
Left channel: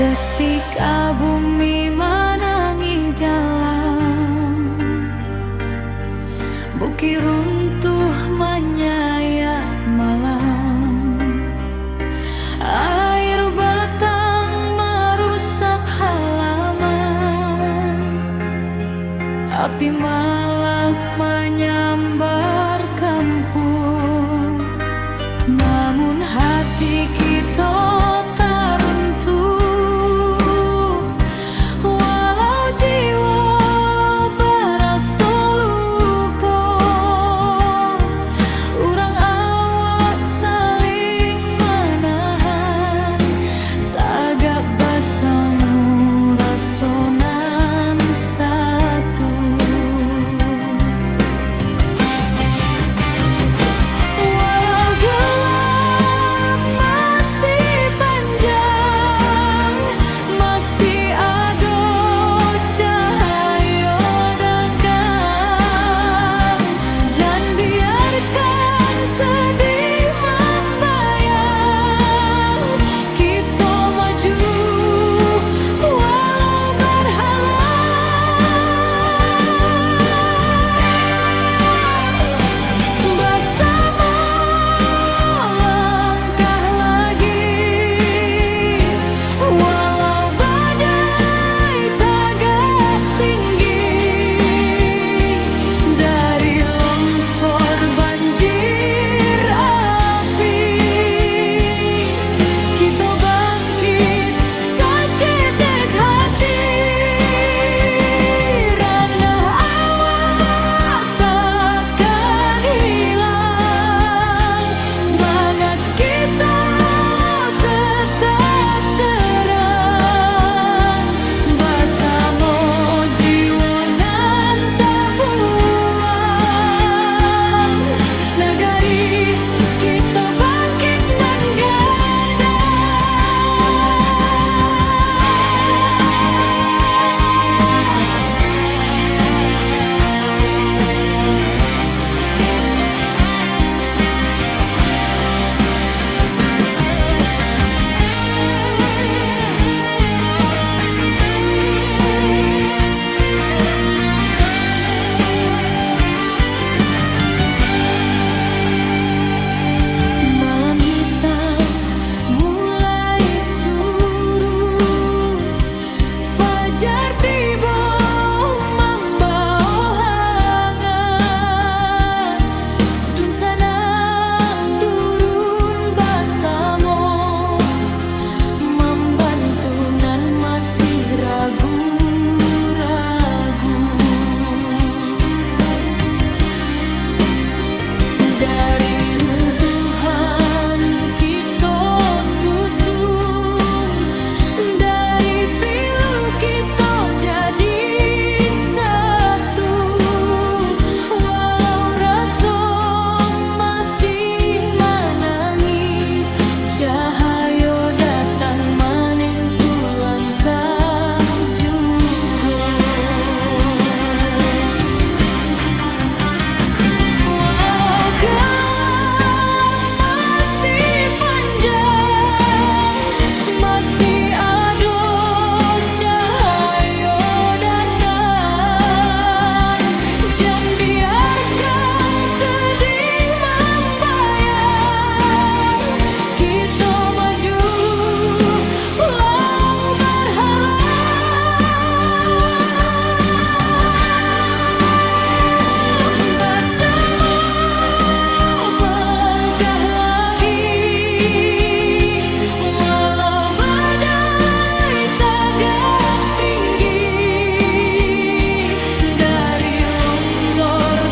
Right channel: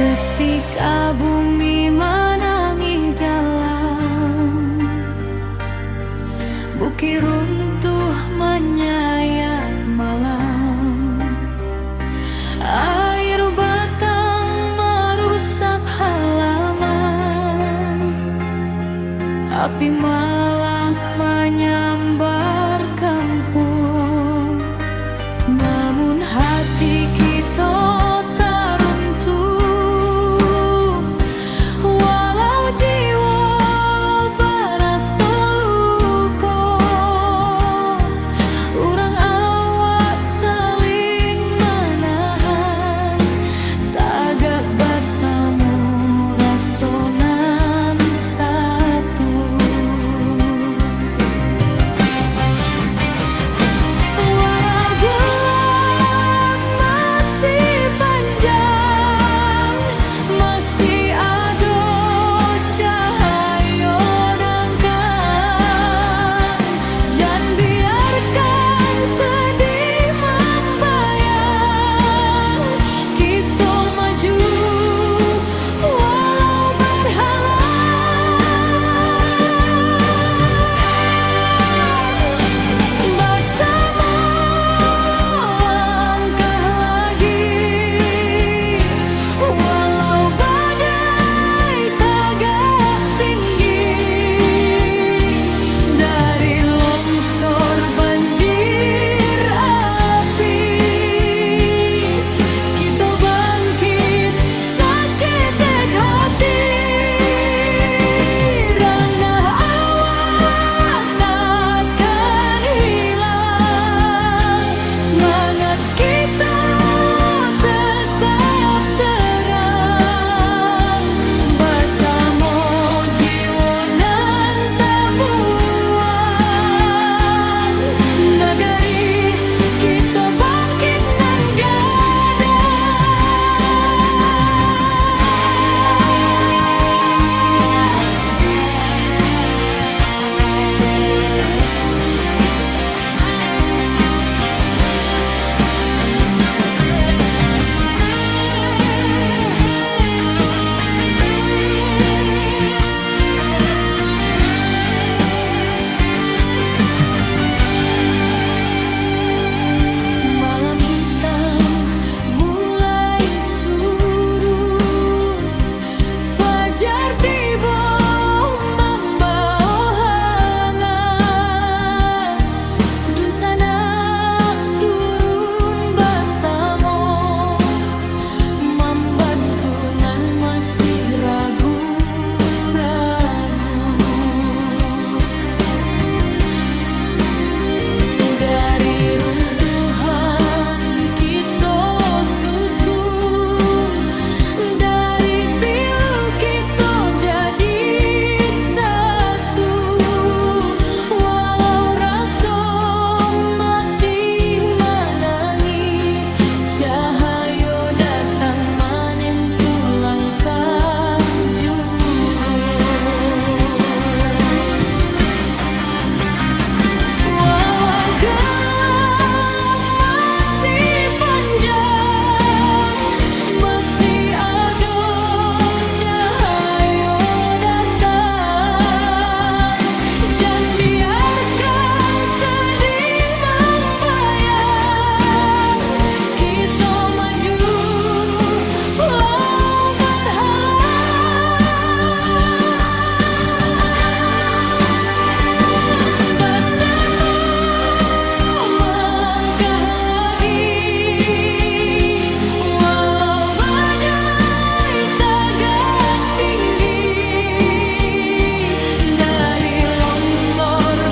Ketika bumi menangis dalam, bukit runtuh menyayat malam, air batang merusak halaman, api malam menyambar kampung. Namun hati kita tak runtuh, walau jiwa berasa luka. Urang awak saling menahan, tagak bersama rasonan satu. Walau gelap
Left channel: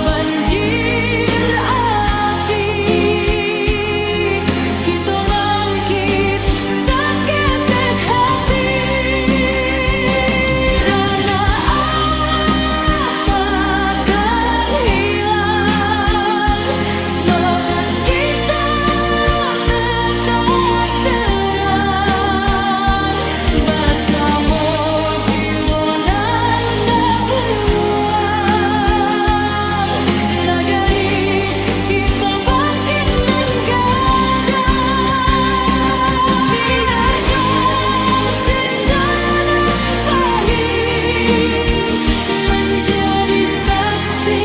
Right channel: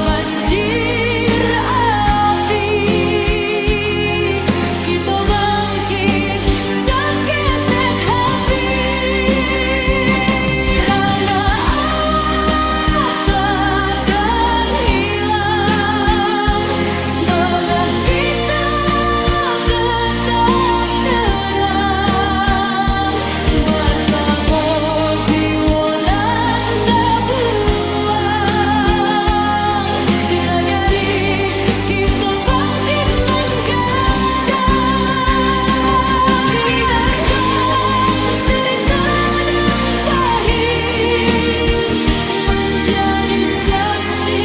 banjir api, kita bangkit saketek hati. Rana awak takkan hilang, semangat kita tetap terang. Basamo jiwa nan tabuang, nagari kita bangkit nan gadang. Biarkan cerita nan pahit menjadi saksi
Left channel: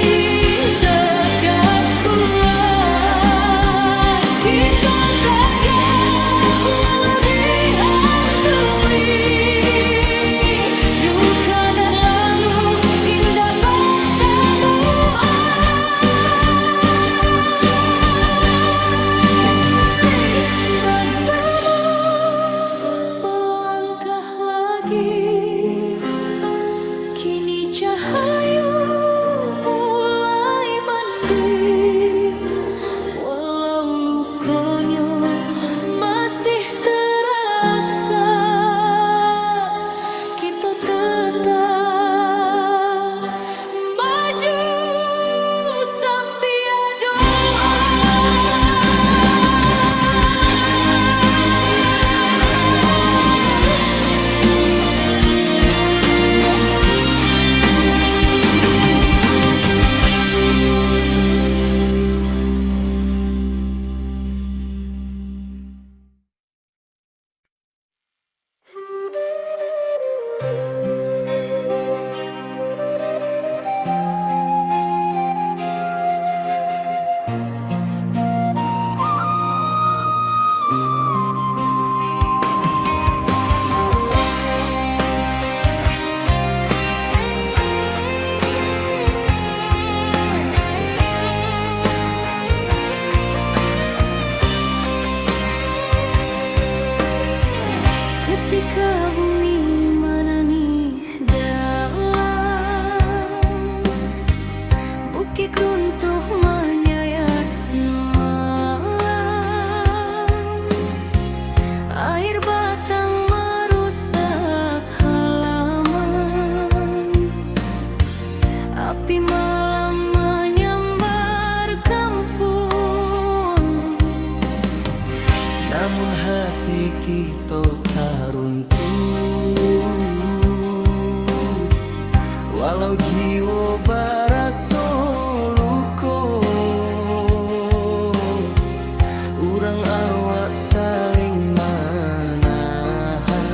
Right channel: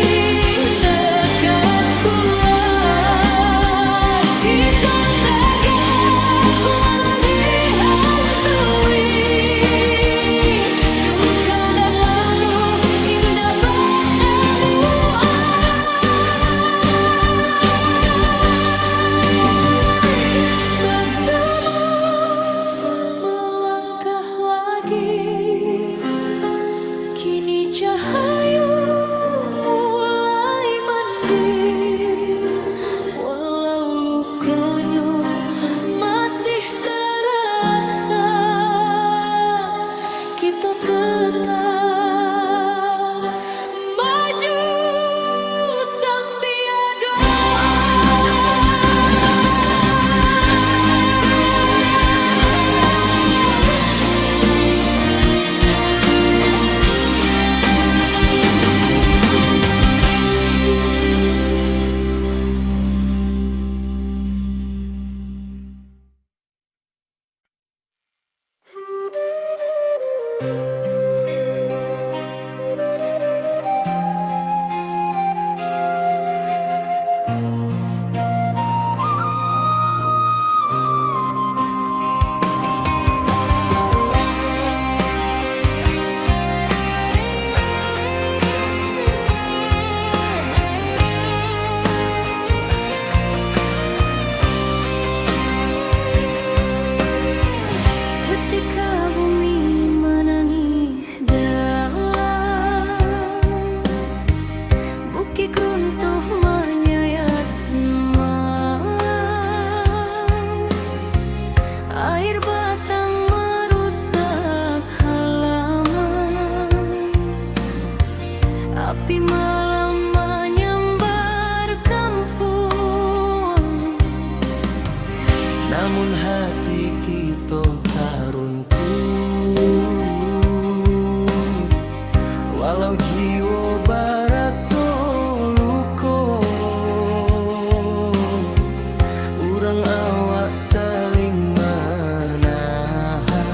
tekad kuat. Kita tegak walau dihantui duka dan lalu indah bertemu. Bersama melangkah lagi, kini cahaya mulai mending, walau lukonya masih terasa, kita tetap maju sambil doa. Ketika bumi menangis dalam, bukit runtuh menyayat malam, air batang merusak halaman, api malam menyambar kampung. Namun hati kita tak runtuh, walau jiwa barasa luka. Urang awak saling menahan,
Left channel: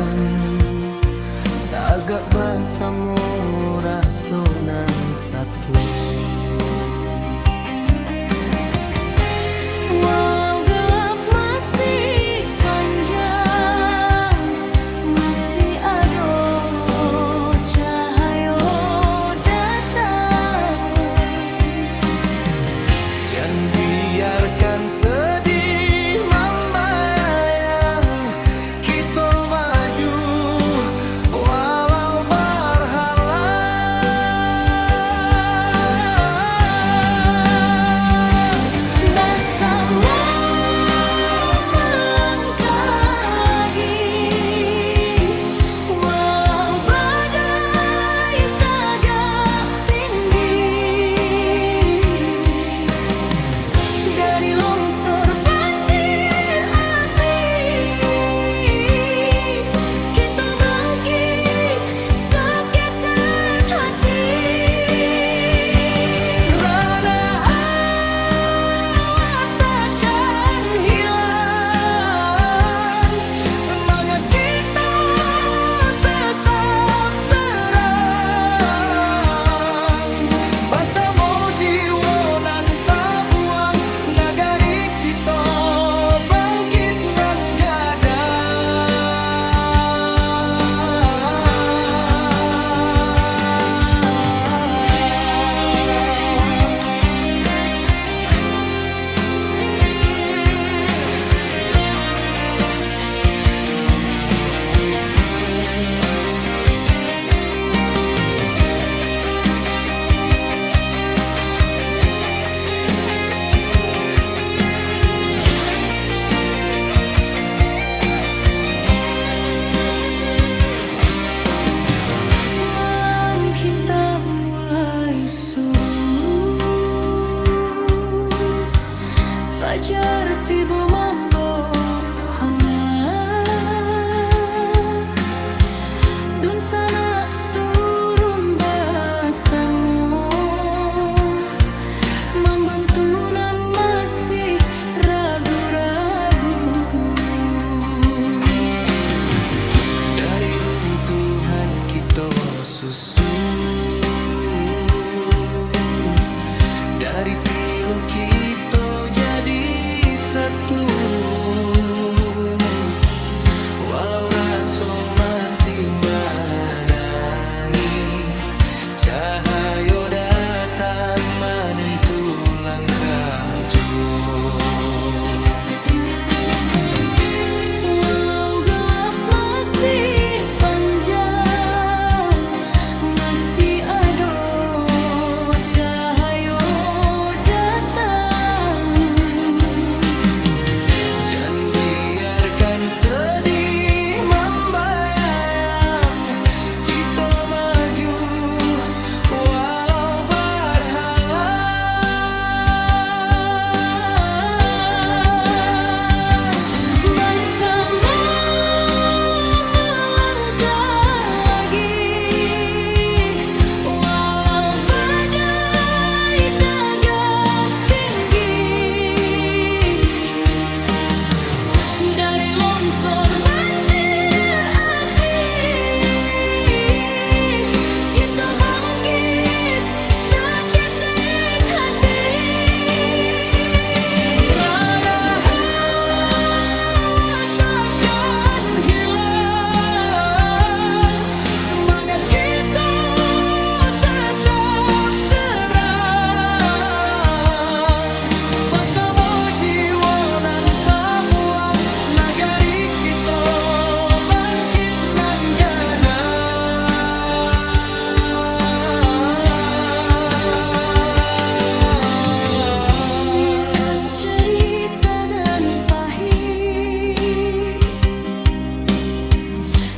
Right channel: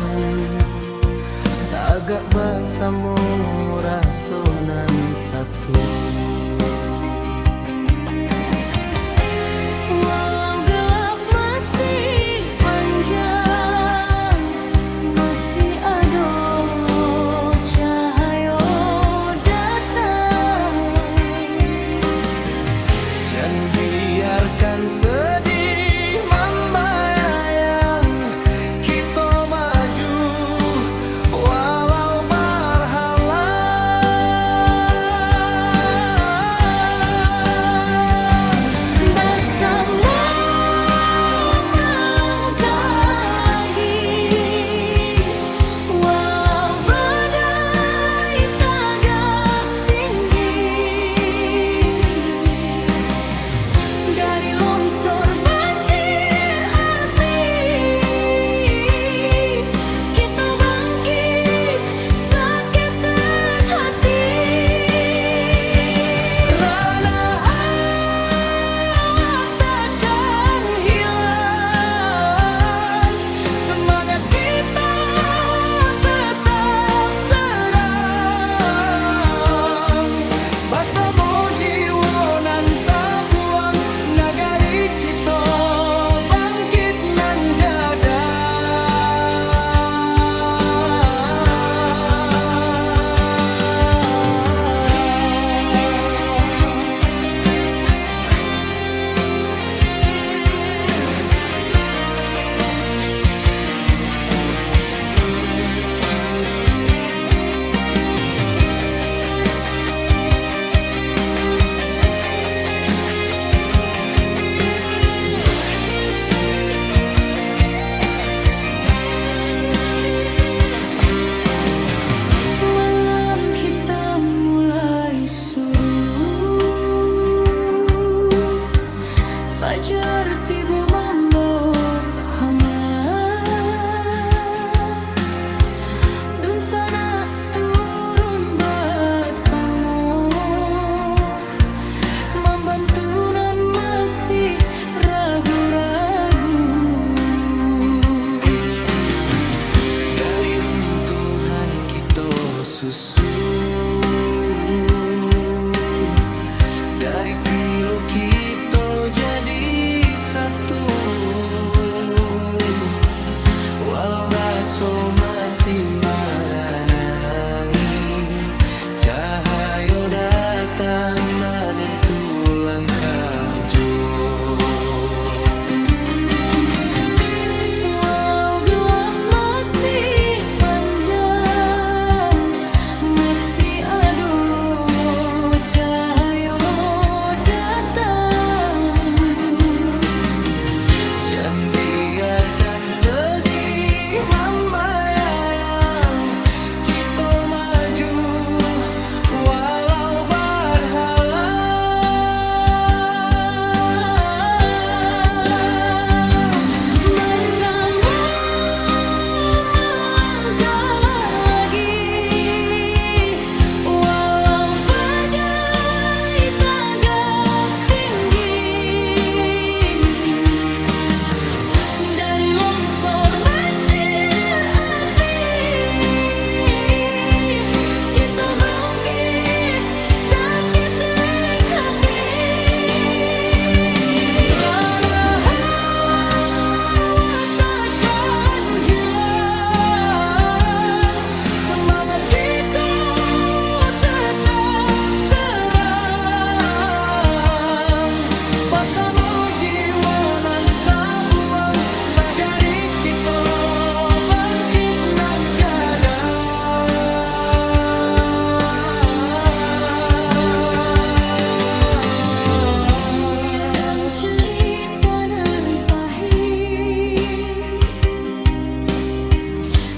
tagak basamo rasonan satu. Walau gelap masih panjang, masih ada cahaya datang. Jangan biarkan sedih membayang, kita maju walau berhalang. Bersama melangkah lagi, walau badai tagak tinggi, dari longsor Fajar tiba membawa hangat, dun sana turun bersama, membantunan masih ragu-ragu. Dari runtuhan kita susun, dari pilu kita jadi satu. Walau rasa masih menangi, cahaya datang menentu langkah jua. Walau gelap masih panjang, masih ada cahaya datang. Jangan biarkan sedih membayang, kita maju walau berhalang. Bersama melangkah lagi, walau badai tegak tinggi. Dari longsor banjir api, kita bangkit seketik hati. Rana hawa takkan hilang, semangat kita tetap terang. Bersama jiwa nan tak buang, nagari kita bangkit nan Biarkan gadang. cerita nan pahit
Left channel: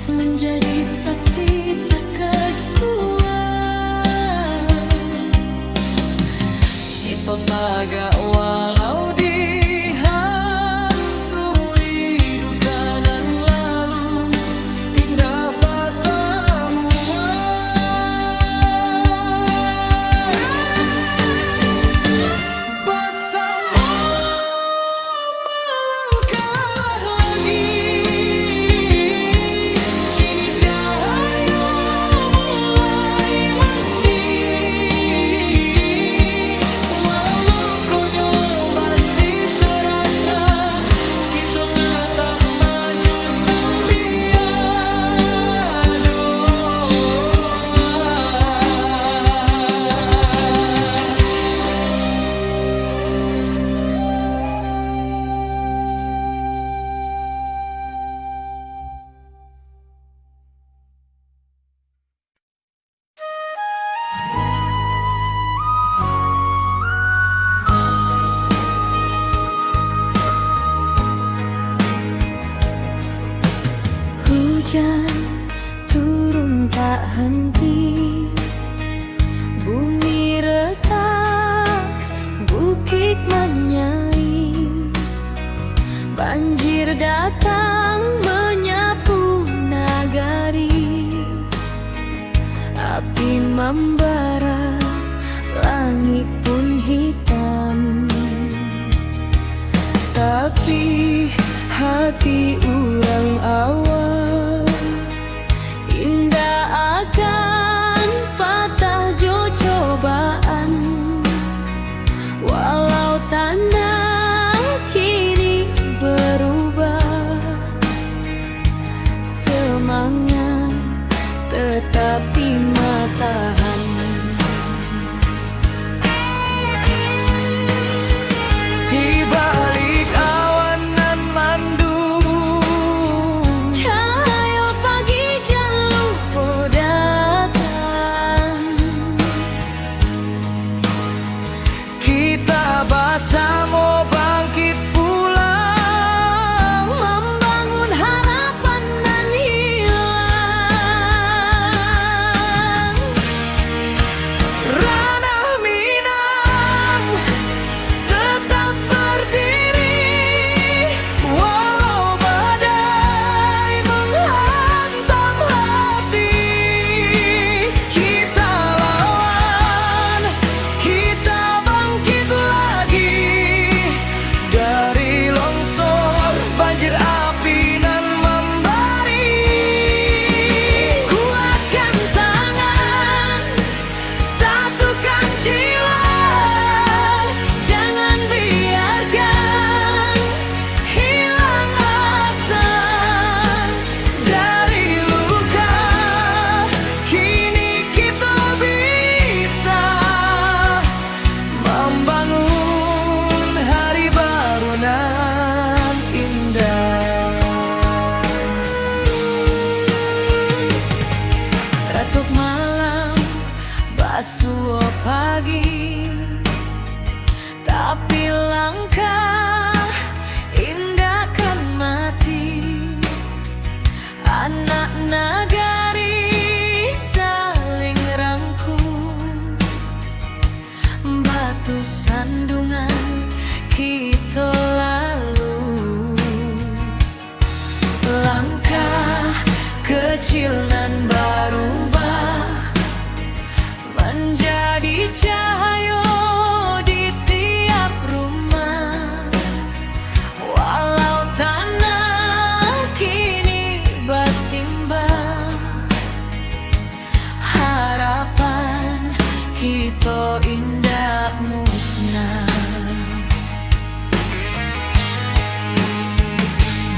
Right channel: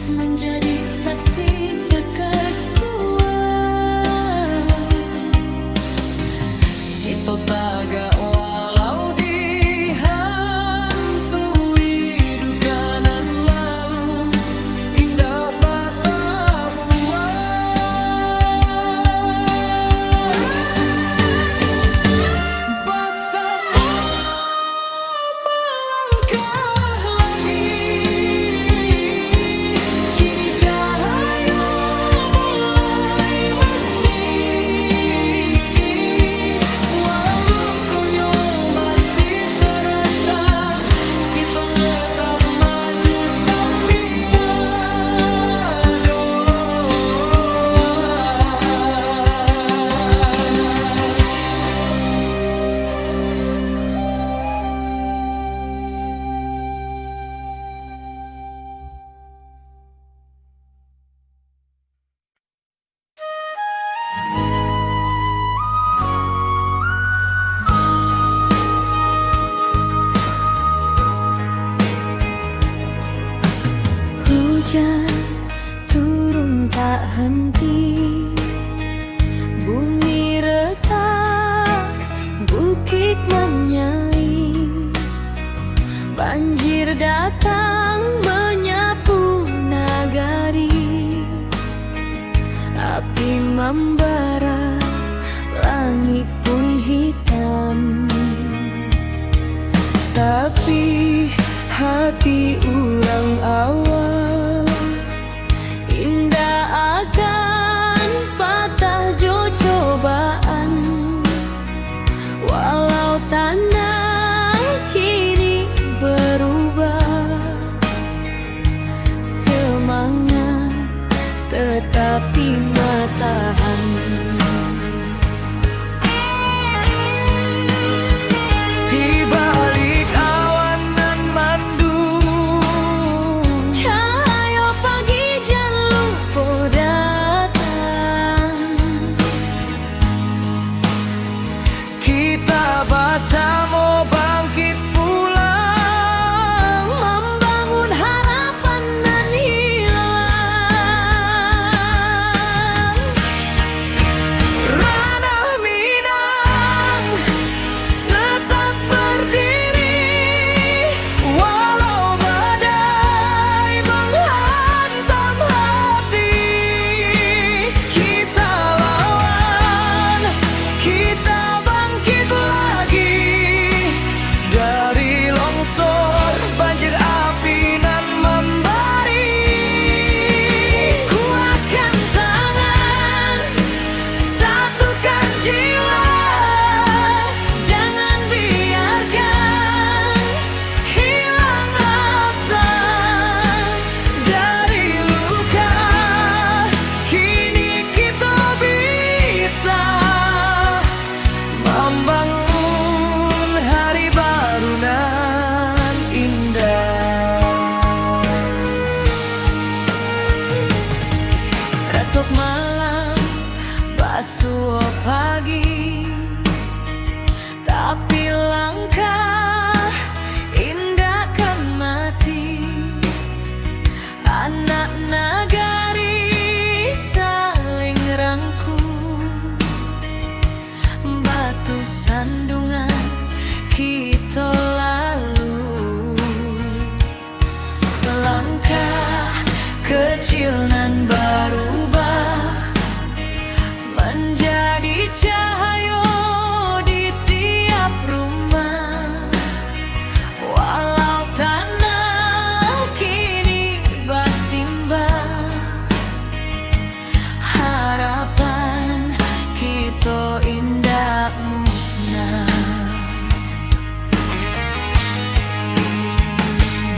menjadi saksi pekat kuat. Kita tagak walau dihantui duka nan lalu, indah batamuan. Bersama melangkah lagi, kini cahaya mulai mendiri. Walau lukanya masih terasa, kita tetap maju sambil doa. Hujan turun tak henti, bumi retak, bukit menyai. Banjir datang menyapu nagari, api membara, langit pun hitam. Tapi hati urang awal indah akan patah jo cobaan. Walau tanah kini berubah, semangat tetapi matahan. Di balik awan nan mendung, Cahaya pagi jangan lupa datang. kita bersama bangkit pulang, Membangun harapan nan hilang. Ranah Minang tetap berdiri. batu sandungan kita lalu. Langkah kecil nan berubah menjadi cahaya di tiap rumah. Walau tanah kini bersimbah, harapan kita indah musnah.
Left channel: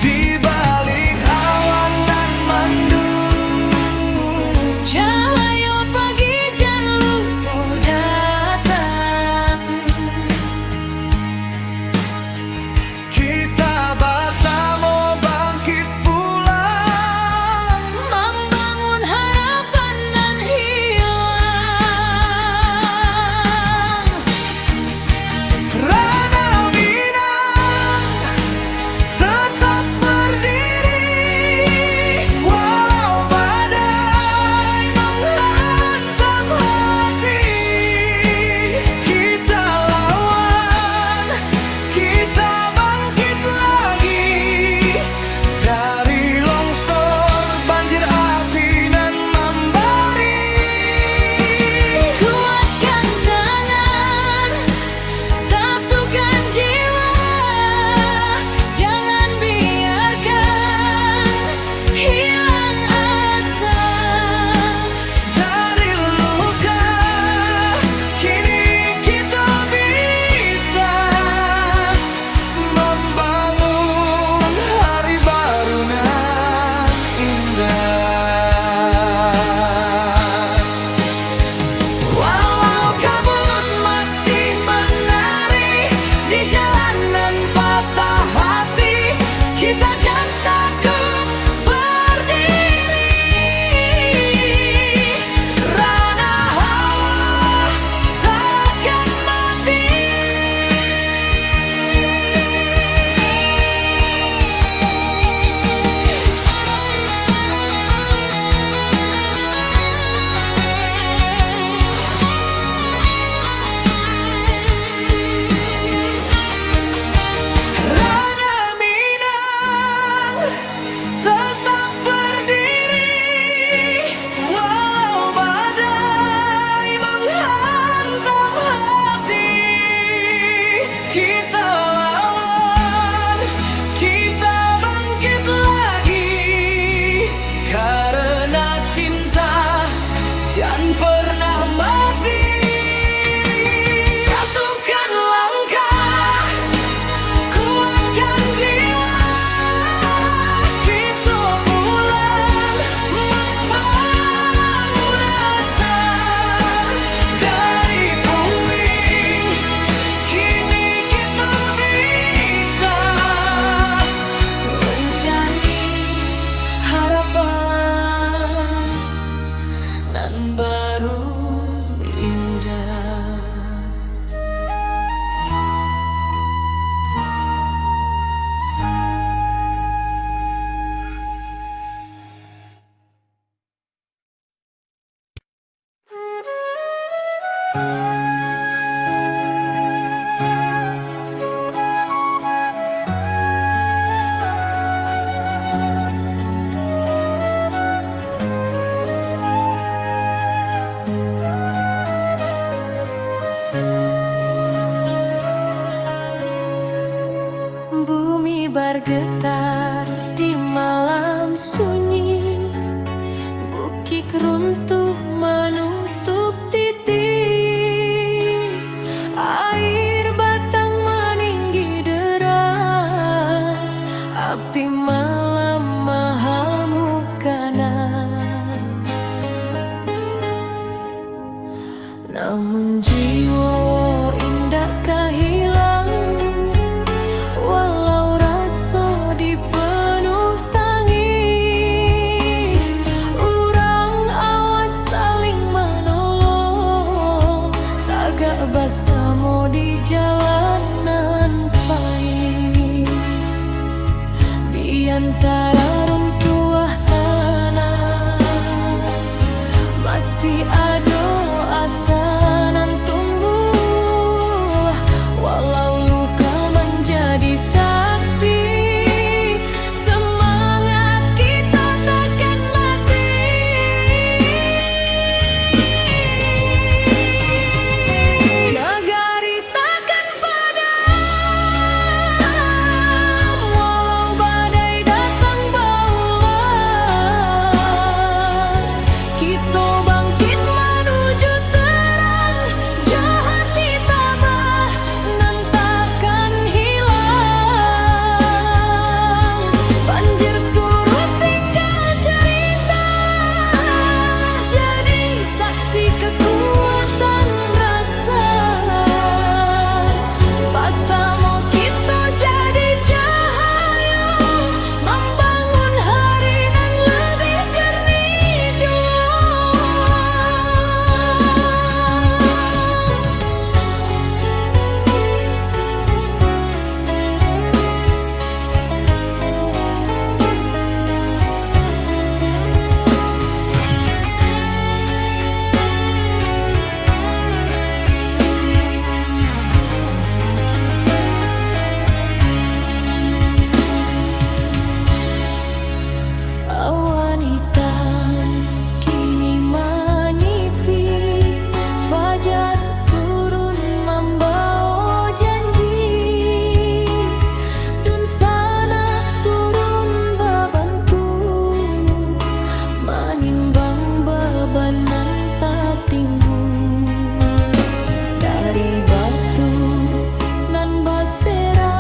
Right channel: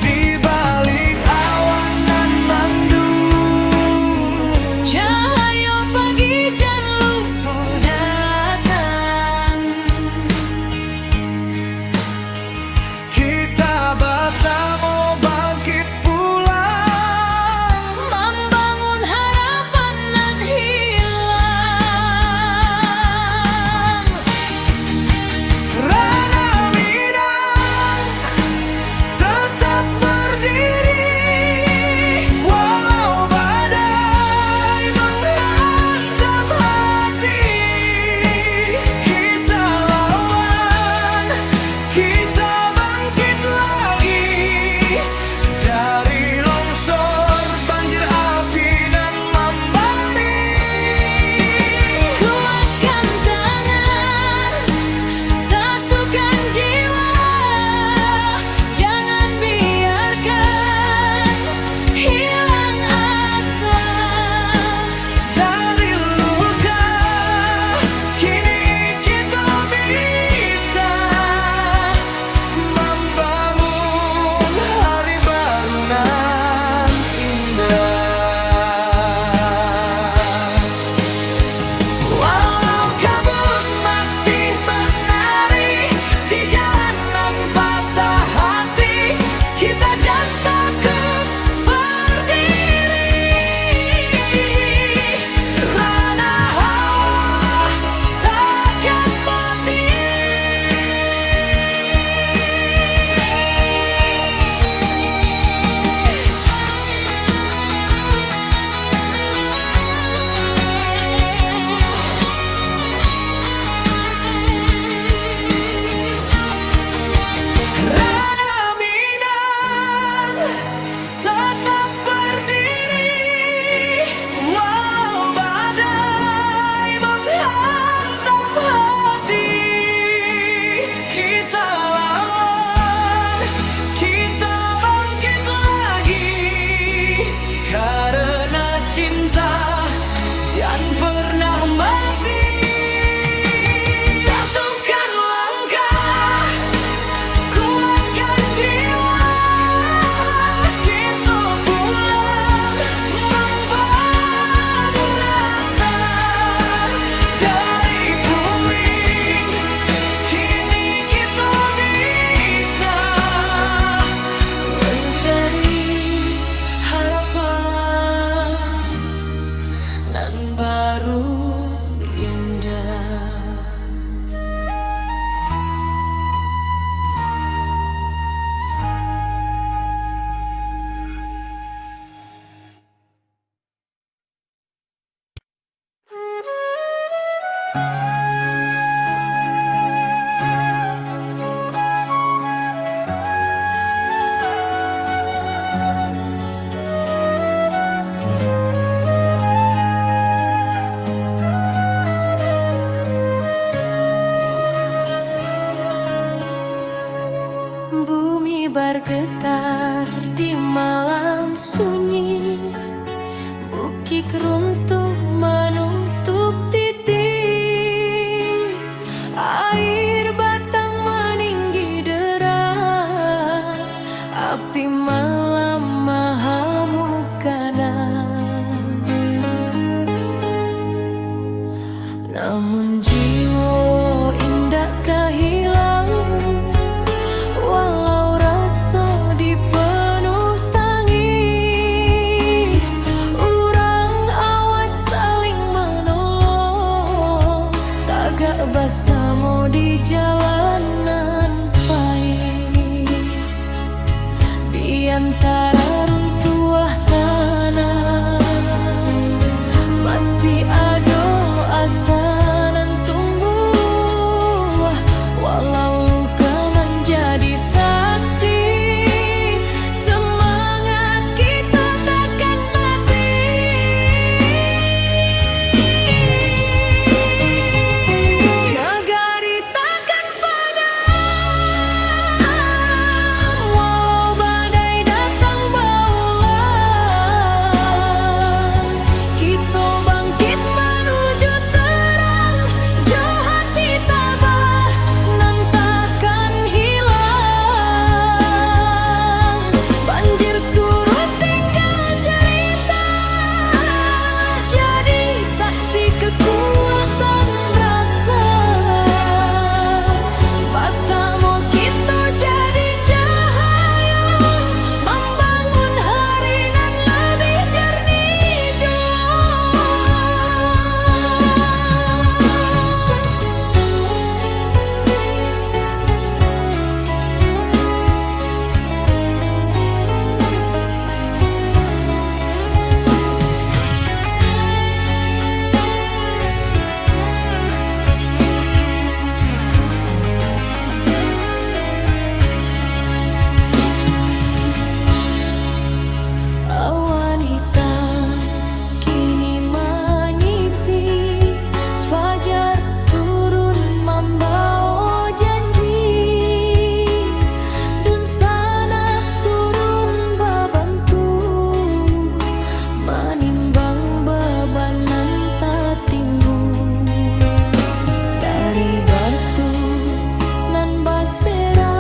Di balik awan nan mendung, Cahaya pagi jan lupa datang. kita bersama bangkit pulang, Membangun harapan nan hilang. Rana Minang tetap berdiri, walau badai menghantam hati. Kita lawan, kita bangkit lagi dari longsor banjir api nan membari. Kuatkan tangan, satukan jiwa, jangan biarkan hilang asa. Dari luka kini kita bisa membangun hari baru nan indah. Walau kabut masih menari di jalanan patah hati, kita jangan takut berdiri. Rana hawa takkan mati. Rana Minang tetap berdiri, walau badai menghantam hati. Kita lawan, kita bangkit lagi, karena cinta jangan pernah mati. Satukan langkah, kuatkan jiwa, kita pulang membangun asa. Dari puing kini kita bisa mencari harapan nan baru indah. Bumi bergetar di malam sunyi, bukit runtuh menutup titik, air batang meninggi deras, api malam mahamuk ganas. Namun jiwa indah kehilang, walau rasa dipenuh tangi, urang awas saling menolong, tagak bersama di jalanan pahit. Di antara runtuh tanah masih ada asa nan tumbuh, batu nan basera